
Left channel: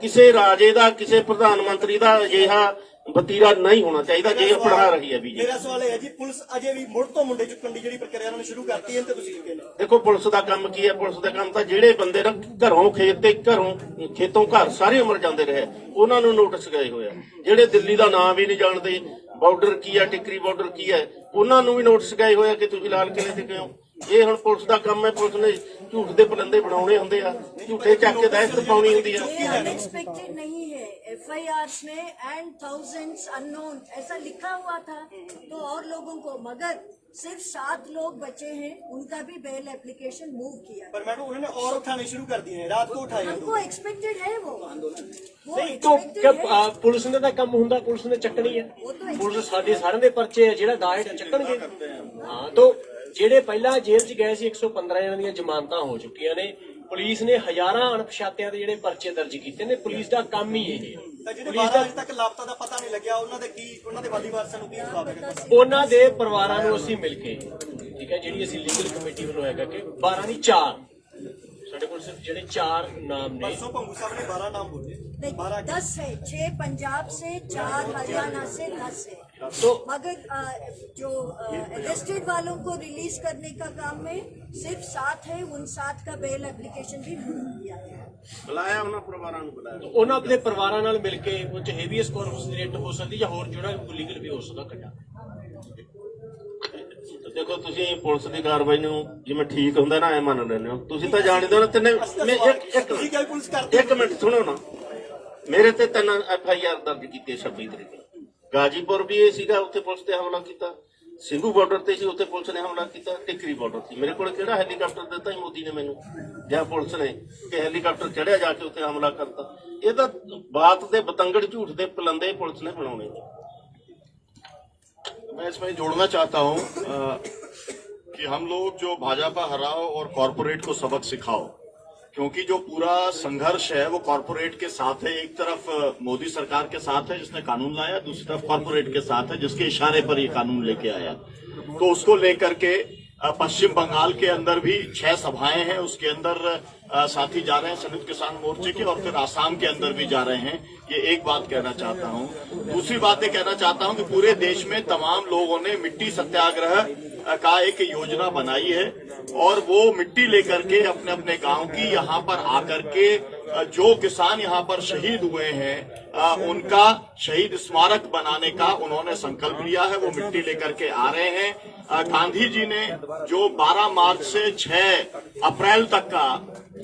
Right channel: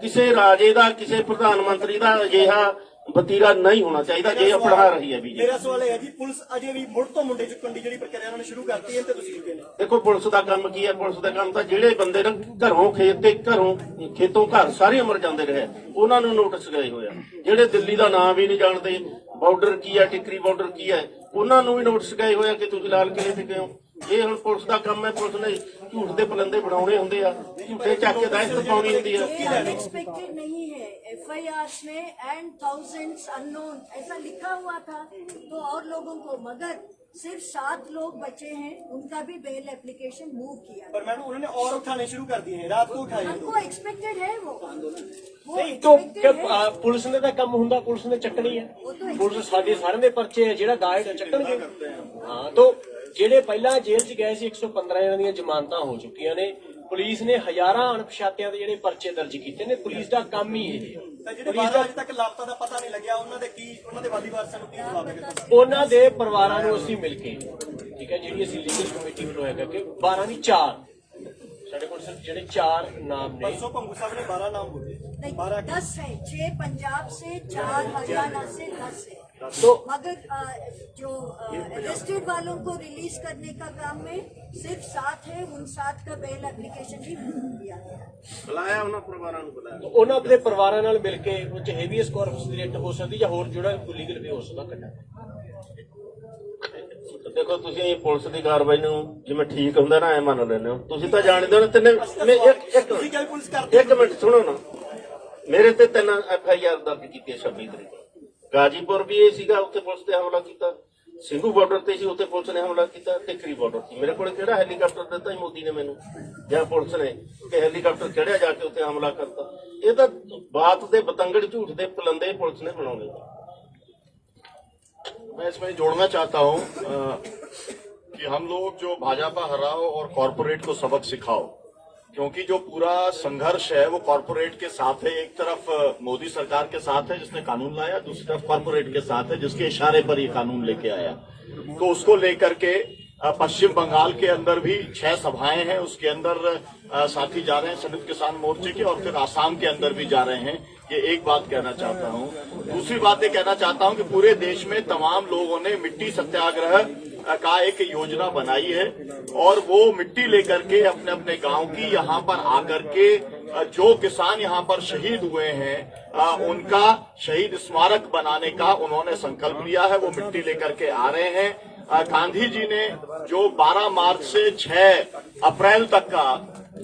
ਕਿਸੇ ਰਾਜੇ ਦਾ, ਕਿਸੇ ਪ੍ਰਧਾਨ ਮੰਤਰੀ ਦਾ ਅਜਿਹਾ ਵਤੀਰਾ ਨਹੀਂ ਹੋਣਾ ਚਾਹੀਦਾ ਜੇ ਅਪਣਾ ਰਹੀ ਹੈ ਬੀਜੇਪੀ। ਮੇਰਾ ਸਵਾਲ ਇਹ ਹੈ ਜੀ, ਪੁਲਿਸ ਅਜੇ ਵੀ ਮੁੜ ਤੋਂ ਮੁੰਡੇ ਚੁੱਕਣ ਦੀ ਜਿਹੜੀ ਪ੍ਰਕਿਰਿਆ ਉਹਨਾਂ ਨੇ ਸ਼ੁਰੂ ਕਰਤੀ ਹੈ ਤੇ ਤੁਸੀਂ ਕੀ ਕਹਿੰਦੇ? ਦੇਖੋ ਪੁਲਿਸ ਦਾ ਕੰਮ ਕੀ ਹੈ, ਪੁਲਿਸ ਦਾ ਕੰਮ ਤਾਂ ਜਿਹੜੇ ਬੰਦੇ ਨਾ ਘਰੋਂ ਖੇਤ ਤੇ ਘਰੋਂ ਖੇਤੋਂ ਘਰ ਸਾਰੀ ਉਮਰ ਜਾਂਦੇ ਰਹੇ ਉਹਨਾਂ ਨੂੰ ਨੋਟਿਸ ਗਏ ਹੋਏ ਆ। ਜਿਹੜੇ ਦਿੱਲੀ ਦਾ ਨਾਂ ਵੀ ਨਹੀਂ ਜਾਣਦੇ, ਬਾਰਡਰ ਕੀ ਹੈ, ਟਿਕਰੀ ਬਾਰਡਰ ਕੀ ਹੈ, ਉਹਨਾਂ ਨੂੰ ਵੀ ਨੋਟਿਸ ਗਏ ਹੋਏ ਆ ਕਿ ਤੁਸੀਂ ਲਾਲ ਕਿਲੇ ਤੇ ਕਿਉਂ। ਇਹ ਹੁਣ ਪੁਲਿਸ ਦਾ ਕੰਮ ਹੈ, ਪੁਲਿਸ ਨੇ ਝੂਠ ਦੇ ਪਲੰਦੇ ਬਣਾਉਣੇ ਹੁੰਦੇ ਆ, ਝੂਠੇ ਚੱਕ ਕੇ ਦਹਿਸ਼ਤ ਪਾਉਣੀ ਹੁੰਦੀ ਆ। अनएक्सपेक्टेड नहीं है, FIRs में एंड थाउजेंड्स अननोन ऐसा लिखा हुआ था तो और लोगों को, मगर सिर्फ 7 लोग बचे हैं, उनका भी बेल एप्लीकेशन मूव किया। पर मैडम उन्होंने और उठाने शुरू कर दिए हैं, रात को उठाए हैं। हमको एक्सपेक्टेड है वो तो पुलिस ने ਤਾਂ ਕੰਮ ਹੁੰਦਾ, ਪੁਲਿਸ ਨੇ ਚੱਕਣੀ ਹੈ। ਪੁਲਿਸ ਸਾਡੇ ਸਾਰਿਆਂ ਦੇ ਪਰਚੇ ਜਿਹੜਾ ਦਾਇਰ ਚੱਕਣਗੇ। ਹਾਂ ਤਾਂ ਜਿਹੜੇ ਪਹਿਲਾਂ ਜੇਲ੍ਹ 'ਚ ਗਏ ਸੀ 115 ਜਣਾਂ ਦੀਆਂ ਜ਼ਮਾਨਤਾਂ ਹੋ ਚੁੱਕੀਆਂ ਨੇ। ਪੁਲਿਸ ਨੇ ਹਜ਼ਾਰਾਂ ਅਣਪਛਾਤਿਆਂ ਦੇ ਜਿਹੜੇ ਪਰਚੇ ਦਰਜ ਕੀਤੇ ਨੇ। ਪੁਲਿਸ ਦਾ ਕੰਮ ਹੀ ਇਹ ਹੈ। ਜਿਹੜੇ 12 ਵਜੇ ਤੱਕ ਲਾਪਤਾ ਦਾ ਪਤਾ ਨਹੀਂ ਲੱਗਿਆ, ਉਹਨਾਂ ਦੇ ਕੀ, ਉਹਨਾਂ ਦੇ ਵਾਲੀ ਵਾਰਸਾਂ ਨੂੰ ਕੀ ਜਵਾਬ ਦੇਗਾ? ਉਹਨਾਂ ਦੇ ਪਰਿਵਾਰਾਂ ਨੂੰ ਅਸੀਂ ਮਿਲ ਕੇ, ਠੀਕ ਹੈ, ਜਿਹੜੀ ਅਸੀਂ ਲੀਗਲ ਕਮੇਟੀ ਬਣਾਇਆ ਕਰਕੇ 12 ਨਹੀਂ 4 ਸਾਡੇ ਕੋਲ ਸਿਰਫ ਜਿਹੜੇ 4 ਨਾਮ ਨੇ। परसों पंगू साहब ने 12 नाम बोले, 10 है, 6 पंजाब से, 4 हरियाणा से, 10 है। तो मगर जो अरेस्टेड वालों को रिलीज करने का काम में सिर्फ 7 है, उन 7 का बेल एप्लीकेशन भी किया गया। ਬੁਲਾਇਆ ਉਹਨਾਂ ਪਰਿਵਾਰਾਂ ਨੂੰ, ਬੁਲਾਇਆ ਉਹਨਾਂ ਦੇ ਪਰਿਵਾਰਾਂ ਨਾਲ ਮਿਲ ਕੇ ਉਹ 'ਚ ਹੈਵੀਐਸ ਕਾਰਪਸ ਦੀ ਰੇਟ ਹੋ ਸਕਦੀ ਜਾਂ ਹੋਰ ਜਿਹੜਾ ਲੀਗਲ ਵੀ ਹੋ ਸਕਦਾ ਕੱਢਾ। ਦੇਖੋ ਤੁਸੀਂ ਪੁਲਿਸ ਦੀ ਕਾਰਵਾਈ ਨੂੰ ਜਿਵੇਂ ਠੀਕ ਹੁੰਦਾ ਨਾ ਐ ਮੰਨ ਲੈਂਦੇ ਹੋ। ਤੁਸੀਂ ਤਾਂ ਜਾਣਦੇ ਹੋ ਨਾ ਤਿੰਨੇ। ਇੱਕ ਮਿੰਟ ਸੁਣੋ ਨਾ, ਮੇਰੇ ਤੇ 3 FIR ਦਰਜ ਕੀਤੇ 26 ਤਰੀਕ ਨੂੰ। ਗਾਜੀਪੁਰ ਵੀ ਇਹ ਸੀਗਾ, ਉੱਥੇ ਪੁਲਿਸ ਤੇ ਹਮਲਾ ਕੀਤਾ। ਸਿੰਘੂ ਬਾਰਡਰ ਤੇ ਸੀ, ਉੱਥੇ ਪੁਲਿਸ ਨੇ ਹਮਲਾ ਕੀਤਾ। ਟਿਕਰੀ ਬਾਰਡਰ ਸੀ। ਮੇਰੇ ਕੋਲ ਕਿਹੜਾ ਹੈਲੀਕਾਪਟਰ ਦਿੱਤਾ ਸੀ ਮੋਦੀ ਨੇ ਮੈਨੂੰ ਜਾਂ ਪੁਲਿਸ ਨੇ ਕਿ ਹੈਲੀਕਾਪਟਰ ਚੜਿਆ ਜਾ ਕੇ ਉੱਥੇ ਹਮਲਾ ਕਰਤਾ। ਇਹ ਤਾਂ ਬਾਤ ਦੇ ਬਤੰਗੜ ਝੂਠ ਦੇ ਪਲੰਦੇ ਪੁਲਿਸ ਨੇ ਬਣਾਉਣੇ। मैं इसमें जोड़ना चाहता हूं कि हम लोग जो भाजपा हराओ और कॉरपोरेट को सबक सिखाओ, क्योंकि जो पूरा संघर्ष है वो कॉरपोरेट के साथ है। एक तरफ मोदी सरकार के साथ है जिसने कानून लाया, दूसरी तरफ कॉरपोरेट के साथ है जिसके इशारे पर ये कानून लेके आया। तो उसको लेकर के पश्चिम बंगाल के अंदर भी 6 सभाएं हैं, उसके अंदर साथी जा रहे हैं संयुक्त किसान मोर्चे के, और फिर आसाम के अंदर भी जा रहे हैं। ये एक बात कहना चाहता हूं। दूसरी बात ये कहना चाहता हूं कि पूरे देश में तमाम लोगों ने मिट्टी सत्याग्रह का एक योजना बनाई है और वो मिट्टी लेकर के अपने अपने गांव की यहाँ पर आकर के जो किसान यहाँ पर शहीद हुए हैं उनका शहीद स्मारक बनाने का उन्होंने संकल्प लिया है। वो मिट्टी लेकर के आ रहे हैं। गांधी जी ने जो 12 मार्च से 6 अप्रैल तक का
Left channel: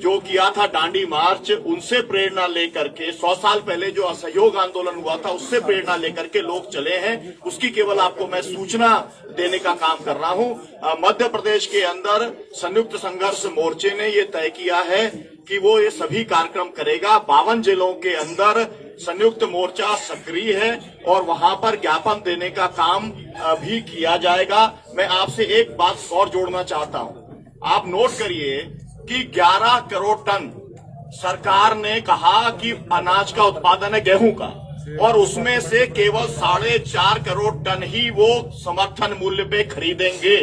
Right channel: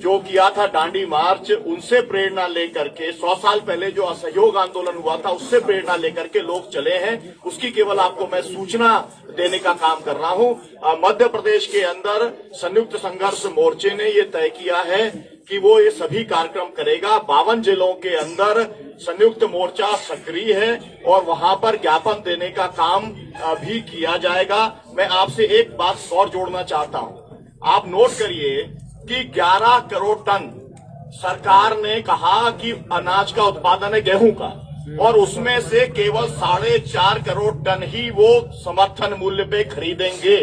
जो किया था दांडी मार्च, उनसे प्रेरणा लेकर के 100 साल पहले जो असहयोग आंदोलन हुआ था उससे प्रेरणा लेकर के लोग चले हैं। उसकी केवल आपको मैं सूचना देने का काम कर रहा हूं। मध्य प्रदेश के अंदर संयुक्त संघर्ष मोर्चे ने ये तय किया है कि वो ये सभी कार्यक्रम करेगा। 52 जिलों के अंदर संयुक्त मोर्चा सक्रिय है और वहां पर ज्ञापन देने का काम भी किया जाएगा। मैं आपसे एक बात और जोड़ना चाहता हूं। आप नोट करिए कि 11 करोड़ टन सरकार ने कहा कि अनाज का उत्पादन है गेहूं का, और उसमें से केवल 4.5 करोड़ टन ही वो समर्थन मूल्य पे खरीदेंगे,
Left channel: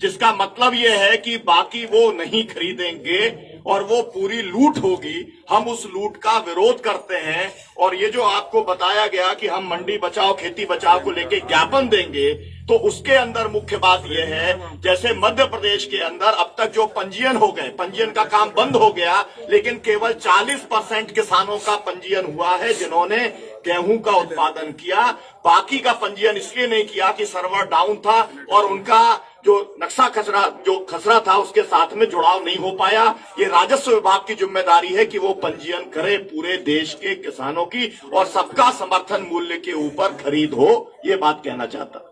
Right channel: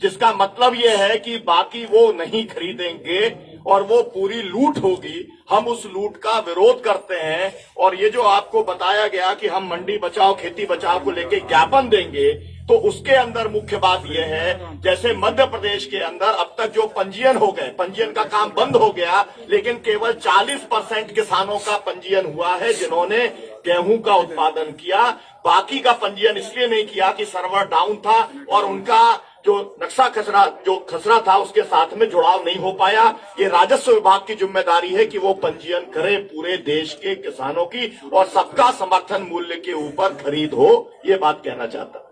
जिसका मतलब ये है कि बाकी वो नहीं खरीदेंगे और वो पूरी लूट होगी। हम उस लूट का विरोध करते हैं। और ये जो आपको बताया गया कि हम मंडी बचाओ खेती बचाओ को लेके ज्ञापन देंगे, तो उसके अंदर मुख्य बात यह है, जैसे मध्य प्रदेश के अंदर अब तक जो पंजीयन हो गए, पंजीयन का काम बंद हो गया, लेकिन केवल 40% किसानों का पंजीयन हुआ है जिन्होंने गेहूं का उत्पादन किया। बाकी का पंजीयन इसलिए नहीं किया कि सर्वर डाउन था और उनका जो नक्शा खसरा था उसके साथ में जुड़ाव नहीं हो पाया। ये राजस्व विभाग की जिम्मेदारी है कि वो पंजीयन करे पूरे देश के किसानों की और सबका समर्थन मूल्य के ऊपर खरीद हो। ये बात कहना चाहता।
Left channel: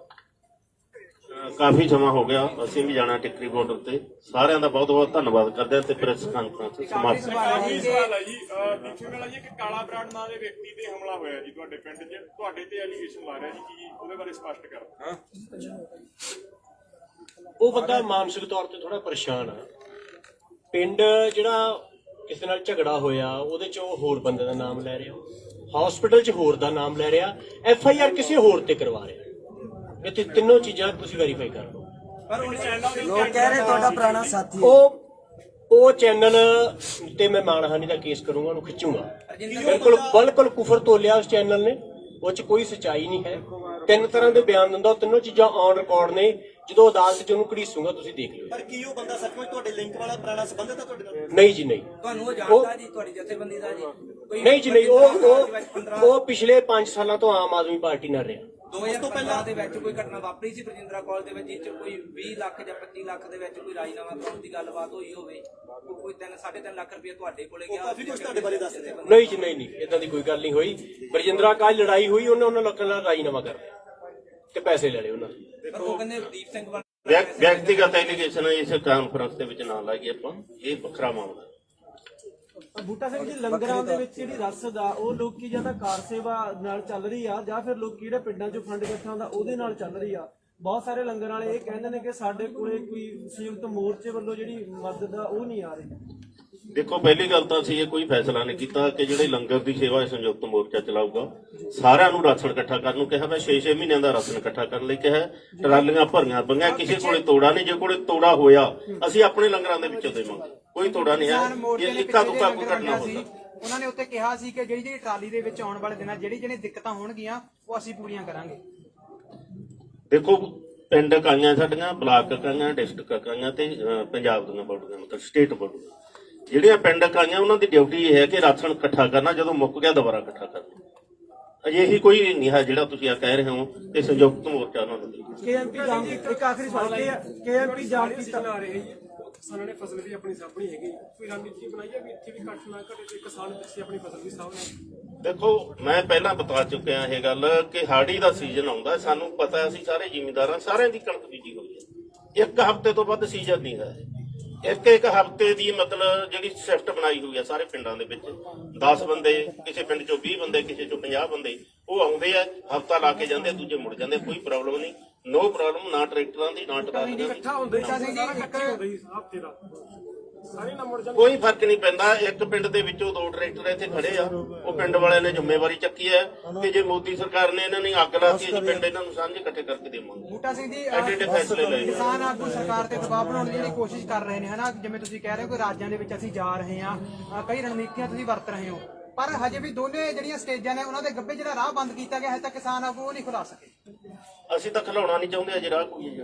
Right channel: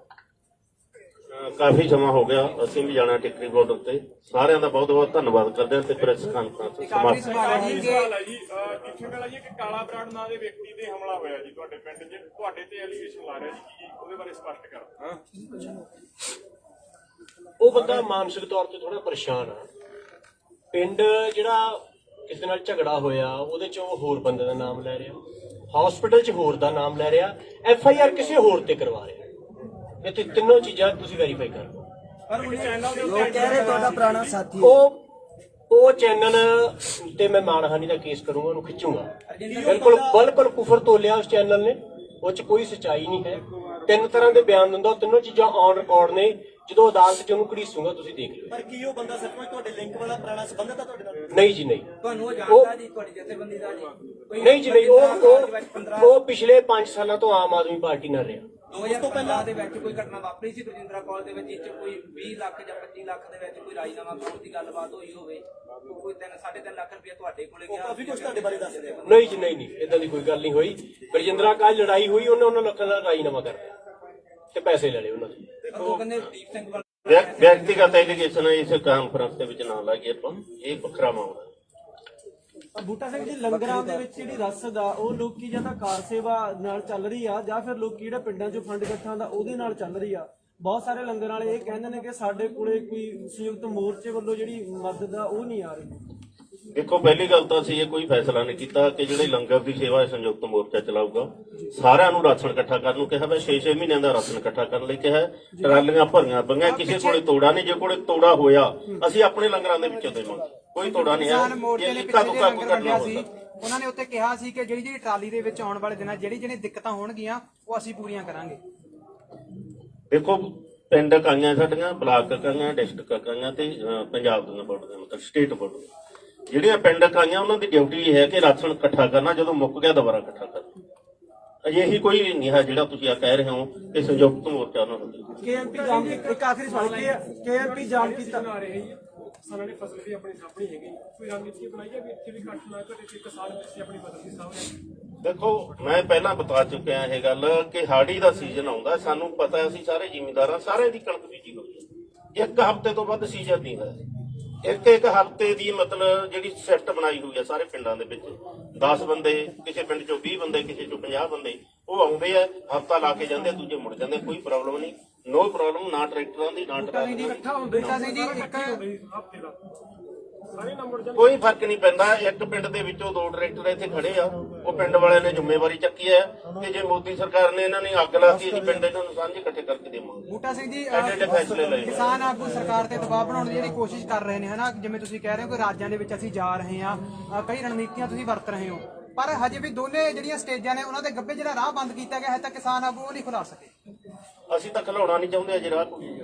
ਕਾਫੀ ਜਮਾ ਹੋ ਗਿਆ, ਅਸੀਂ ਵੀ ਜਾਣਾ ਟਿਕਰੀ ਬਾਰਡਰ ਤੇ। ਸਾਰਿਆਂ ਦਾ ਬਹੁਤ ਬਹੁਤ ਧੰਨਵਾਦ ਕਰਦੇ ਹਾਂ ਤੇ ਪ੍ਰੈਸ ਕਾਨਫਰੰਸ ਸਮਾਪਤ। ਸਵਾਲ ਹੈ ਜੀ, ਦੇਖੋ ਵਾਲਾ ਜੀ, ਕਿ ਕਾਲਾ ਬਰਾੜ ਨਾਂ ਦੇ ਵਿਅਕਤੀ ਤੇ ਹਮਲਾ ਹੋਇਆ ਜੀ ਤੁਹਾਡੇ ਪਿੰਡ 'ਚ, ਤੁਹਾਡੇ ਤੇ ਐਲੀਗੇਸ਼ਨ ਲਾ ਰਿਹਾ ਜੀ, ਕੀ ਉਹਦੇ ਬਾਰੇ ਸਪਸ਼ਟ ਕਰੋ। ਉਹ ਬੰਦਾ ਮਾਨਸਿਕ ਤੌਰ ਤੇ ਥੋੜਾ ਪਰੇਸ਼ਾਨ ਆ। ਪਿੰਡ ਜਿਹੜਾ ਕਿਸੇ ਨਾਲ ਝਗੜਾ ਹੋਇਆ ਉਹਦੇ 'ਚ ਉਹ ਹੋਰ ਬੰਦੇ ਦਾ ਨਾਮ ਲੈ ਰਿਹਾ, ਹਸਪੀਟਲ 'ਚ ਹੋਰ ਦਾ ਨਾਮ ਲੈ ਰਿਹਾ, FIR ਕਿਸੇ ਹੋਰ ਤੇ ਕਰਵਾ ਰਿਹਾ। ਇੱਥੇ ਤਿੰਨੋਂ ਚੀਜ਼ਾਂ ਤੁਸੀਂ ਵੈਰੀਫਾਈ ਕਰੋ। ਲੋਕ ਕਹਿ ਰਹੇ ਤੁਹਾਡਾ ਪੁਰਾਣਾ ਸਾਥੀ ਉਹ ਚੈਨਲ ਤੇ ਮੈਂ ਮਾਨਹਾਨੀ ਦਾ ਕੇਸ ਕਰੂੰਗਾ, ਉਹਨੂੰ ਖਿੱਚੂੰਗਾ। ਬਿਲਕੁਲ ਕੁਫਰ ਤੋਲਿਆ ਉਸ ਚੈਨਲ ਨੇ, ਉਹ 'ਚ ਕੋਈ ਸੱਚਾਈ ਨਹੀਂ ਹੈ। 3 ਤਰ੍ਹਾਂ ਦੇ ਬਿਆਨ ਦਿੰਦਾ, ਉਹ ਤਿੰਨੋਂ ਚੀਜ਼ਾਂ ਔਨ ਰਿਕਾਰਡ ਨੇ। ਜਦੋਂ ਅਦਾਲਤ 'ਚ ਉਹਨੂੰ ਘੜੀਸੂਗਾ ਤੁਸੀਂ ਦੇਖ ਲਿਓ। ਪਰ ਕੀ ਉਹ ਬੰਦਾ ਸੱਚਮੁੱਚ ਤੁਹਾਡੇ ਲਿੰਕ ਵਾਲਾ ਪੁਰਾਣਾ ਸੰਬੰਧਤ ਹੈ ਤੁਹਾਡੇ ਨਾਲ? ਨਹੀਂ ਜੀ, ਨਹੀਂ। ਤੁਹਾਨੂੰ ਉਹ ਜਾਣਦਾ ਜੀ, ਤੁਹਾਡੀ ਜਥੇਬੰਦੀ ਦਾ ਜੀ? ਨਹੀਂ ਜੀ, ਨਹੀਂ। ਉਹ ਪਿਛਲੇ 5 ਸਾਲਾਂ ਤੋਂ ਆਮ ਆਦਮੀ ਪਾਰਟੀ ਨਾਲ ਰਿਹਾ। 2015 ਦੇ ਵਿੱਚ ਕੋਈ ਘਟਨਾ ਵਾਪਰੀ ਸੀ ਬਰਜਿੰਦਰਾ ਕਾਲਜ ਦੇ ਵਿੱਚ, ਜਿਸ 'ਚ ਕੋਈ 20 ਲੱਖ ਜਾਂ 25 ਲੱਖ ਦੇ ਵਿੱਚ ਕੋਈ ਰਾਜੀਨਾਮਾ ਕਰਾਉਣ ਦੀ ਗੱਲਬਾਤ ਹੋਈ ਹੋਵੇ? ਕੋਈ 3.5 ਲੱਖ ਰੁਪਏ ਤੁਹਾਡੇ ਕੋਲੇ ਗਿਆ? ਕਾਫੀ ਕੁਝ ਤੁਹਾਡੇ ਬਾਰੇ ਦੱਸ ਰਹੇ ਹੋ। ਨਹੀਂ ਜੀ, ਨਹੀਂ, ਇਦਾਂ ਦੀ ਕੋਈ ਗੱਲ ਨਹੀਂ ਹੋਈ। ਬਰਜਿੰਦਰਾ ਕਾਲਜ ਲੜਾਈ ਹੋਈ, ਉਹਨਾਂ ਲੱਖਾਂ ਦਾ ਰਾਜੀਨਾਮਾ ਕਰ ਲਿਆ ਤੇ ਪੈਸੇ ਲੈ ਲਏ ਉਹਨਾਂ ਦੇ। ਉਹ ਕਹਿੰਦੇ ਦੀਪ ਸਿੰਘ ਵਿਅਕਤੀਗਤ ਐਲੀਗੇਸ਼ਨ ਇਸ ਕਾਨਫਰੰਸ ਦੇ ਵਿੱਚ ਨਾ ਲਾਈਏ ਆਪਾਂ, ਇਹ ਵੱਖਰਾ ਮਾਮਲਾ ਹੈ। ਬੂਟਾ ਸਿੰਘ ਜੀ, ਲੰਗਰਾਂ ਦੇ ਵਿੱਚ ਜਿਹੜੀ ਰਸਦ ਆ ਉਹ ਲੋਕੀ ਜਾਂ ਤਾਂ ਕਾਰ ਸੇਵਾ ਨਾਲ ਚੱਲ ਰਹੀ ਆ ਜਾਂ ਫਿਰ ਲੋਕੀ ਜਿਹੜੇ ਪਿੰਡਾਂ 'ਚੋਂ ਫੰਡ ਇਕੱਠਾ ਦਾ ਉਹਦੇ ਨਾਲ ਚੱਲ ਰਹੀ ਆ। ਬਹੁਤ ਸਾਰੇ ਲੰਗਰ ਵਾਲੇ ਇਹ ਕਹਿੰਦੇ ਨੇ ਕਿ ਸਾਡੇ ਕੋਲੇ ਕੋਈ ਸੰਯੁਕਤ ਮੋਰਚੇ ਵੱਲੋਂ ਜਿਹੜੀ ਮਦਦ ਆ ਉਹ ਨਹੀਂ ਆ ਰਹੀ। ਦੇਖੋ, ਪਹਿਲੀ ਗੱਲ ਤਾਂ ਅਸੀਂ ਇਹ ਕੋਈ ਫੈਸਲਾ ਨਹੀਂ ਕੀਤਾ ਕਿ ਜਿਹੜੇ ਲੰਗਰ ਦੀ ਸੇਵਾ ਹੈ ਸੰਯੁਕਤ ਮੋਰਚਾ ਚਲਾਊਗਾ। ਸਾਰਿਆਂ ਨੂੰ ਰਾਸ਼ਨ ਇਕੱਠਾ ਕਰਨ ਨੂੰ ਕਿਹਾ ਵਾ, 6-6 ਮਹੀਨਿਆਂ ਦਾ ਰਾਸ਼ਨ ਇਕੱਠਾ ਕਰਨ ਲਈ ਕਿਹਾ। ਟਰਾਲੀਆਂ ਭਰੀਆਂ ਪਈਆਂ, ਕਿਸੇ ਕੋਲੇ ਤੋੜਾ ਨਹੀਂ। ਜੇ ਕੋਲੇ ਤੋੜਾ ਹੋਇਆ ਅਸੀਂ ਆਪਣੇ ਲੰਗਰਾਂ ਦੇ ਵਿੱਚੋਂ ਦੇਵਾਂਗੇ, ਕੋਈ ਤੋੜਾ ਨਹੀਂ ਹੈ। ਇਹ ਇੱਕਾ ਦੁੱਕਾ ਕੋਈ ਕਰਨਾ ਹੋ ਸਕਦਾ। ਉਹਨਾਂ ਨੇ ਉੱਤੇ ਕਿਹਾ ਸੀ ਕਿ ਜਿਹੜੀ ਟਰਾਲੀ ਦੇ ਵਿੱਚ ਆਉਣ ਵਾਲੇ ਦਿਨਾਂ ਜਿਹੜੀ ਦਿੱਕਤਾਂ ਹੋਣਗੀਆਂ ਉਹ ਅਸੀਂ ਪੂਰੀਆਂ ਕਰਾਂਗੇ। ਦੇਖੋ, ਪਿੰਡ ਇਕਾਈਆਂ ਸਾਡੀਆਂ, ਬਲਾਕ ਇਕਾਈਆਂ, ਡਿਸਟ੍ਰਿਕਟ ਇਕਾਈਆਂ ਤੇ ਪੰਜਾਬ ਦੀਆਂ ਬੋਰਡ ਦੇ ਮਤਲਬ ਸਟੇਟ ਬੋਰਡ ਜਿਹੜੀਆਂ ਪਿੰਡ ਇਕਾਈਆਂ, ਉਹਨਾਂ ਦੀ ਡਿਊਟੀ ਇਹ ਹੈ ਕਿ ਰਾਸ਼ਨ ਇਕੱਠਾ ਕਰਨਾ, ਜਦੋਂ ਮੁੱਕ ਗਿਆ ਦੁਬਾਰਾ ਇਕੱਠਾ ਕਰਨਾ। ਅਜਿਹੀ ਕੋਈ ਨਹੀਂ ਹੈ ਜਿਹੜਾ ਤੁਸੀਂ ਆ ਕਹਿ ਰਹੇ ਹੋ ਕਿ ਸੰਯੁਕਤ ਮੋਰਚਾ ਉਹਨਾਂ ਨੂੰ। KMP ਜਾਣ ਇੱਕ ਆਖਰੀ ਸਵਾਲ ਹੈ, KMP ਜਾਣ ਕੀਤਾ ਕਿਸਾਨਾਂ ਨੇ ਫਸਲ ਵੀ ਆਪਣੀ ਸਾਂਭਣੀ ਹੈਗੀ, ਕੋਈ ਰਣਨੀਤੀ ਬਣਾਈ ਹੈ ਵੀ ਇੱਥੇ ਵੀ ਘੱਟ ਨਾ ਘਟੇ ਤੇ ਕਿਸਾਨ ਪਿੱਛੇ ਆਪਣੀ ਫਸਲ ਵੀ ਸਾਂਭਣ? ਦੇਖੋ, ਮੈਂ ਪਹਿਲਾਂ ਬਤਾ ਚੁੱਕਿਆ ਇਹ ਗੱਲ ਕਿ ਹਾੜੀ ਦਾ ਸੀਜ਼ਨ ਆਉਂਦਾ, ਸਾਨੂੰ ਪਤਾ, ਅਸੀਂ ਸਾਰੇ ਜ਼ਿਮੀਂਦਾਰਾਂ ਸਾਰਿਆਂ ਦੀ ਕਣਕ ਬੀਜੀ ਹੋਈ ਹੈ। 1 ਹਫ਼ਤੇ ਤੋਂ ਵੱਧ ਸੀਜ਼ਨ ਨਹੀਂ ਹੈ। ਇੱਕ ਹਫ਼ਤੇ ਦੀ ਮਤਲਬ ਜਿਹੜੀ ਸ਼ਿਫਟ ਬਣਾਈ ਹੋਈ ਹੈ ਸਾਰੇ ਪਿੰਡਾਂ ਦੇ ਵਿੱਚ, 10 ਬੰਦੇ, ਕਿਸੇ ਪਿੰਡ ਚੋਂ 20 ਬੰਦੇ, ਕਿਸੇ ਚੋਂ 50 ਬੰਦੇ, ਉਹ ਆਉਂਦੇ ਆ, ਹਫ਼ਤਾ ਲਾ ਕੇ ਜਾਂਦੇ, ਦੂਜੇ ਮੁੜ ਜਾਂਦੇ। ਕੋਈ ਪ੍ਰੋਬਲਮ ਨਹੀਂ, ਨੋ ਪ੍ਰੋਬਲਮ, ਨਾ ਟਰੈਕਟਰਾਂ ਦੀ ਨਾ ਟਰਾਲੀਆਂ ਦੀ। ਕੋਈ ਫਰਕ ਨਹੀਂ ਪੈਂਦਾ। ਇੱਕ ਪਿੰਡ ਦੇ ਵਿੱਚੋਂ 2 ਟਰੈਕਟਰ ਇੱਥੇ ਖੜੇ ਆ, ਉਹ ਪਿੰਡ ਵਾਲਿਆਂ ਨੇ ਜ਼ਿੰਮੇਵਾਰੀ ਚੱਕੀ ਹੈ ਕਿ ਜੇ ਮੋਦੀ ਸਰਕਾਰ ਨੇ ਇਹਨਾਂ ਨੂੰ ਅੱਗ ਲਾਤੀ, ਅਸੀਂ ਪਿੰਡ ਇਹਨਾਂ ਨੂੰ ਸਾਂਝੇ ਇਕੱਠੇ ਕਰਕੇ ਦੇਵਾਂਗੇ। ਬੂਟਾ ਸਿੰਘ ਜੀ, ਐਡੇ ਫੈਸਲੇ ਲਏ ਕਿਸਾਨ ਆਗੂ ਸਰਕਾਰ ਤੇ ਦਬਾਅ ਬਣਾਉਣ ਦੀ ਜਿਹੜੀ ਕੋਸ਼ਿਸ਼ ਕਰ ਰਹੇ ਨੇ, ਹਨਾ, ਜਿਵੇਂ ਤੁਸੀਂ ਕਹਿ ਰਹੇ ਹੋ ਕਿ ਰਾਜਾਂ ਦੇ ਵਿੱਚ ਅਸੀਂ ਜਾ ਰਹੇ ਹਾਂ, ਕਈ ਰਣਨੀਤੀਆਂ ਤੁਸੀਂ ਵਰਤ ਰਹੇ ਹੋ, ਪਰ ਹਜੇ ਵੀ ਦੋਨੇ ਜਿਹੜੀਆਂ ਸਟੇਜਾਂ ਨੇ ਉਹਨਾਂ ਦੇ ਗੱਭੇ ਜਿਹੜਾ ਰਾਹ ਬੰਦ ਕੀਤਾ ਗਿਆ ਹੈ ਤਾਂ ਕਿਸਾਨ ਆਗੂ ਉਹ ਨਹੀਂ ਖੁਲਾ ਸਕੇ। ਅਸੀਂ ਤਾਂ ਖਿਲਾਉਣਾ ਨਹੀਂ ਚਾਹੁੰਦੇ ਅਜੇ ਰਾਹ ਕੋਈ।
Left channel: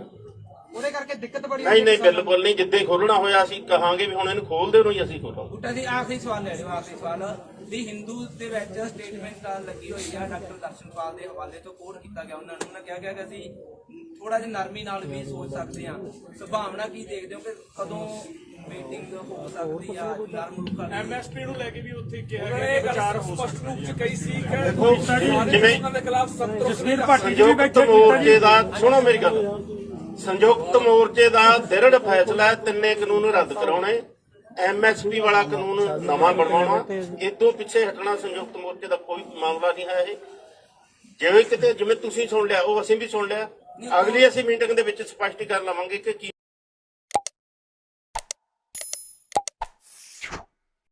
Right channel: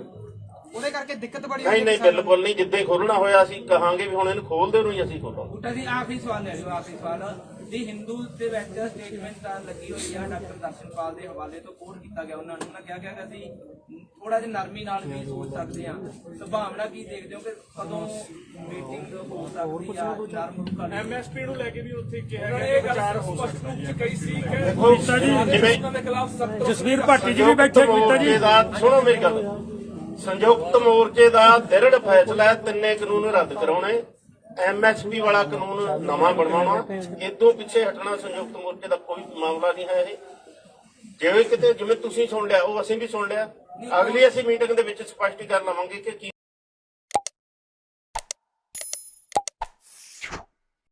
ਉਹਦੇ ਕਰਕੇ ਦਿੱਕਤ ਬੜੀ ਨਹੀਂ, ਬਿਲਕੁਲ ਨਹੀਂ। ਜਿੱਦੇ ਖੋਲਣਾ ਹੋਇਆ ਅਸੀਂ ਕਹਾਂਗੇ ਵੀ ਹੁਣ ਇਹਨੂੰ ਖੋਲ ਦਿਓ, ਨਹੀਂ ਅਸੀਂ ਖੋਲਾਂਗੇ। ਬੂਟਾ ਜੀ, ਆਖਰੀ ਸਵਾਲ ਲੈ ਲਿਓ, ਆਖਰੀ ਸਵਾਲ ਦੀ ਹਿੰਦੂ ਦੇ ਵਿੱਚ ਸਟੇਟਮੈਂਟ ਲੱਗੀ ਹੋਈ ਆ ਡਾਕਟਰ ਦਰਸ਼ਨਪਾਲ ਦੇ ਹਵਾਲੇ ਤੋਂ ਕੋਟ ਕੀਤਾ ਗਿਆ। ਉਹਨਾਂ ਨੇ ਕਿਹਾ ਗਿਆ ਕਿ ਅਸੀਂ ਥੋੜਾ ਜਿਹਾ ਨਰਮੀ ਨਾਲ ਵੀ ਸੋਚ ਸਕਦੇ ਹਾਂ। ਸੰਭਾਵਨਾ ਕੀ ਦੇਖਦੇ ਹੋ ਕਿ ਕਦੋਂ ਮੀਟਿੰਗ ਹੋ ਸਕਦੀ ਆ? MSP ਨੂੰ ਲੈ ਕੇ ਵੀ ਉੱਥੇ ਕਿਹਾ ਗਿਆ, ਇਹ ਗੱਲ ਸਪਸ਼ਟ ਰੂਪ ਚ ਕਹੀ ਸੀ ਕਿ ਜਿਵੇਂ ਉਹਨਾਂ ਦੇ ਖਿਲਾਫ ਜਸਵੀਰ ਭਾਟੀ ਜੀ ਵੀ ਬੈਠੇ ਮੋਰਚੇ ਦਾ, ਸੁਣੋ ਮੇਰੀ ਗੱਲ, ਸੰਯੁਕਤ ਮੋਰਚੇ ਦਾ ਦ੍ਰਿੜ ਫੈਸਲਾ ਹੈ 3 ਕਾਨੂੰਨ ਰੱਦ ਕਰਾਉਣੇ, MSP ਵਾਲਾ ਕਾਨੂੰਨ ਨਵਾਂ ਬਣਵਾਉਣਾ। ਇਦੋਂ ਪਿੱਛੇ ਹਟਣਾ ਸੰਯੁਕਤ ਮੋਰਚੇ ਦਾ ਕੋਈ ਮਾਮਲਾ ਨਹੀਂ ਹੈ। ਇਹ ਜਿਵੇਂ ਕਿਤੇ ਜਿਵੇਂ ਤੁਸੀਂ ਸੁਣ ਲਿਆ, ਉਹ ਅਸੀਂ ਵੀ ਸੁਣ ਲਿਆ। ਅਗਲੀ ਅਸੀਂ ਮੀਟਿੰਗ ਦੇ ਵਿੱਚ ਸਪਸ਼ਟੀਕਰਨ ਲਵਾਂਗੇ ਕਿ ਕੀ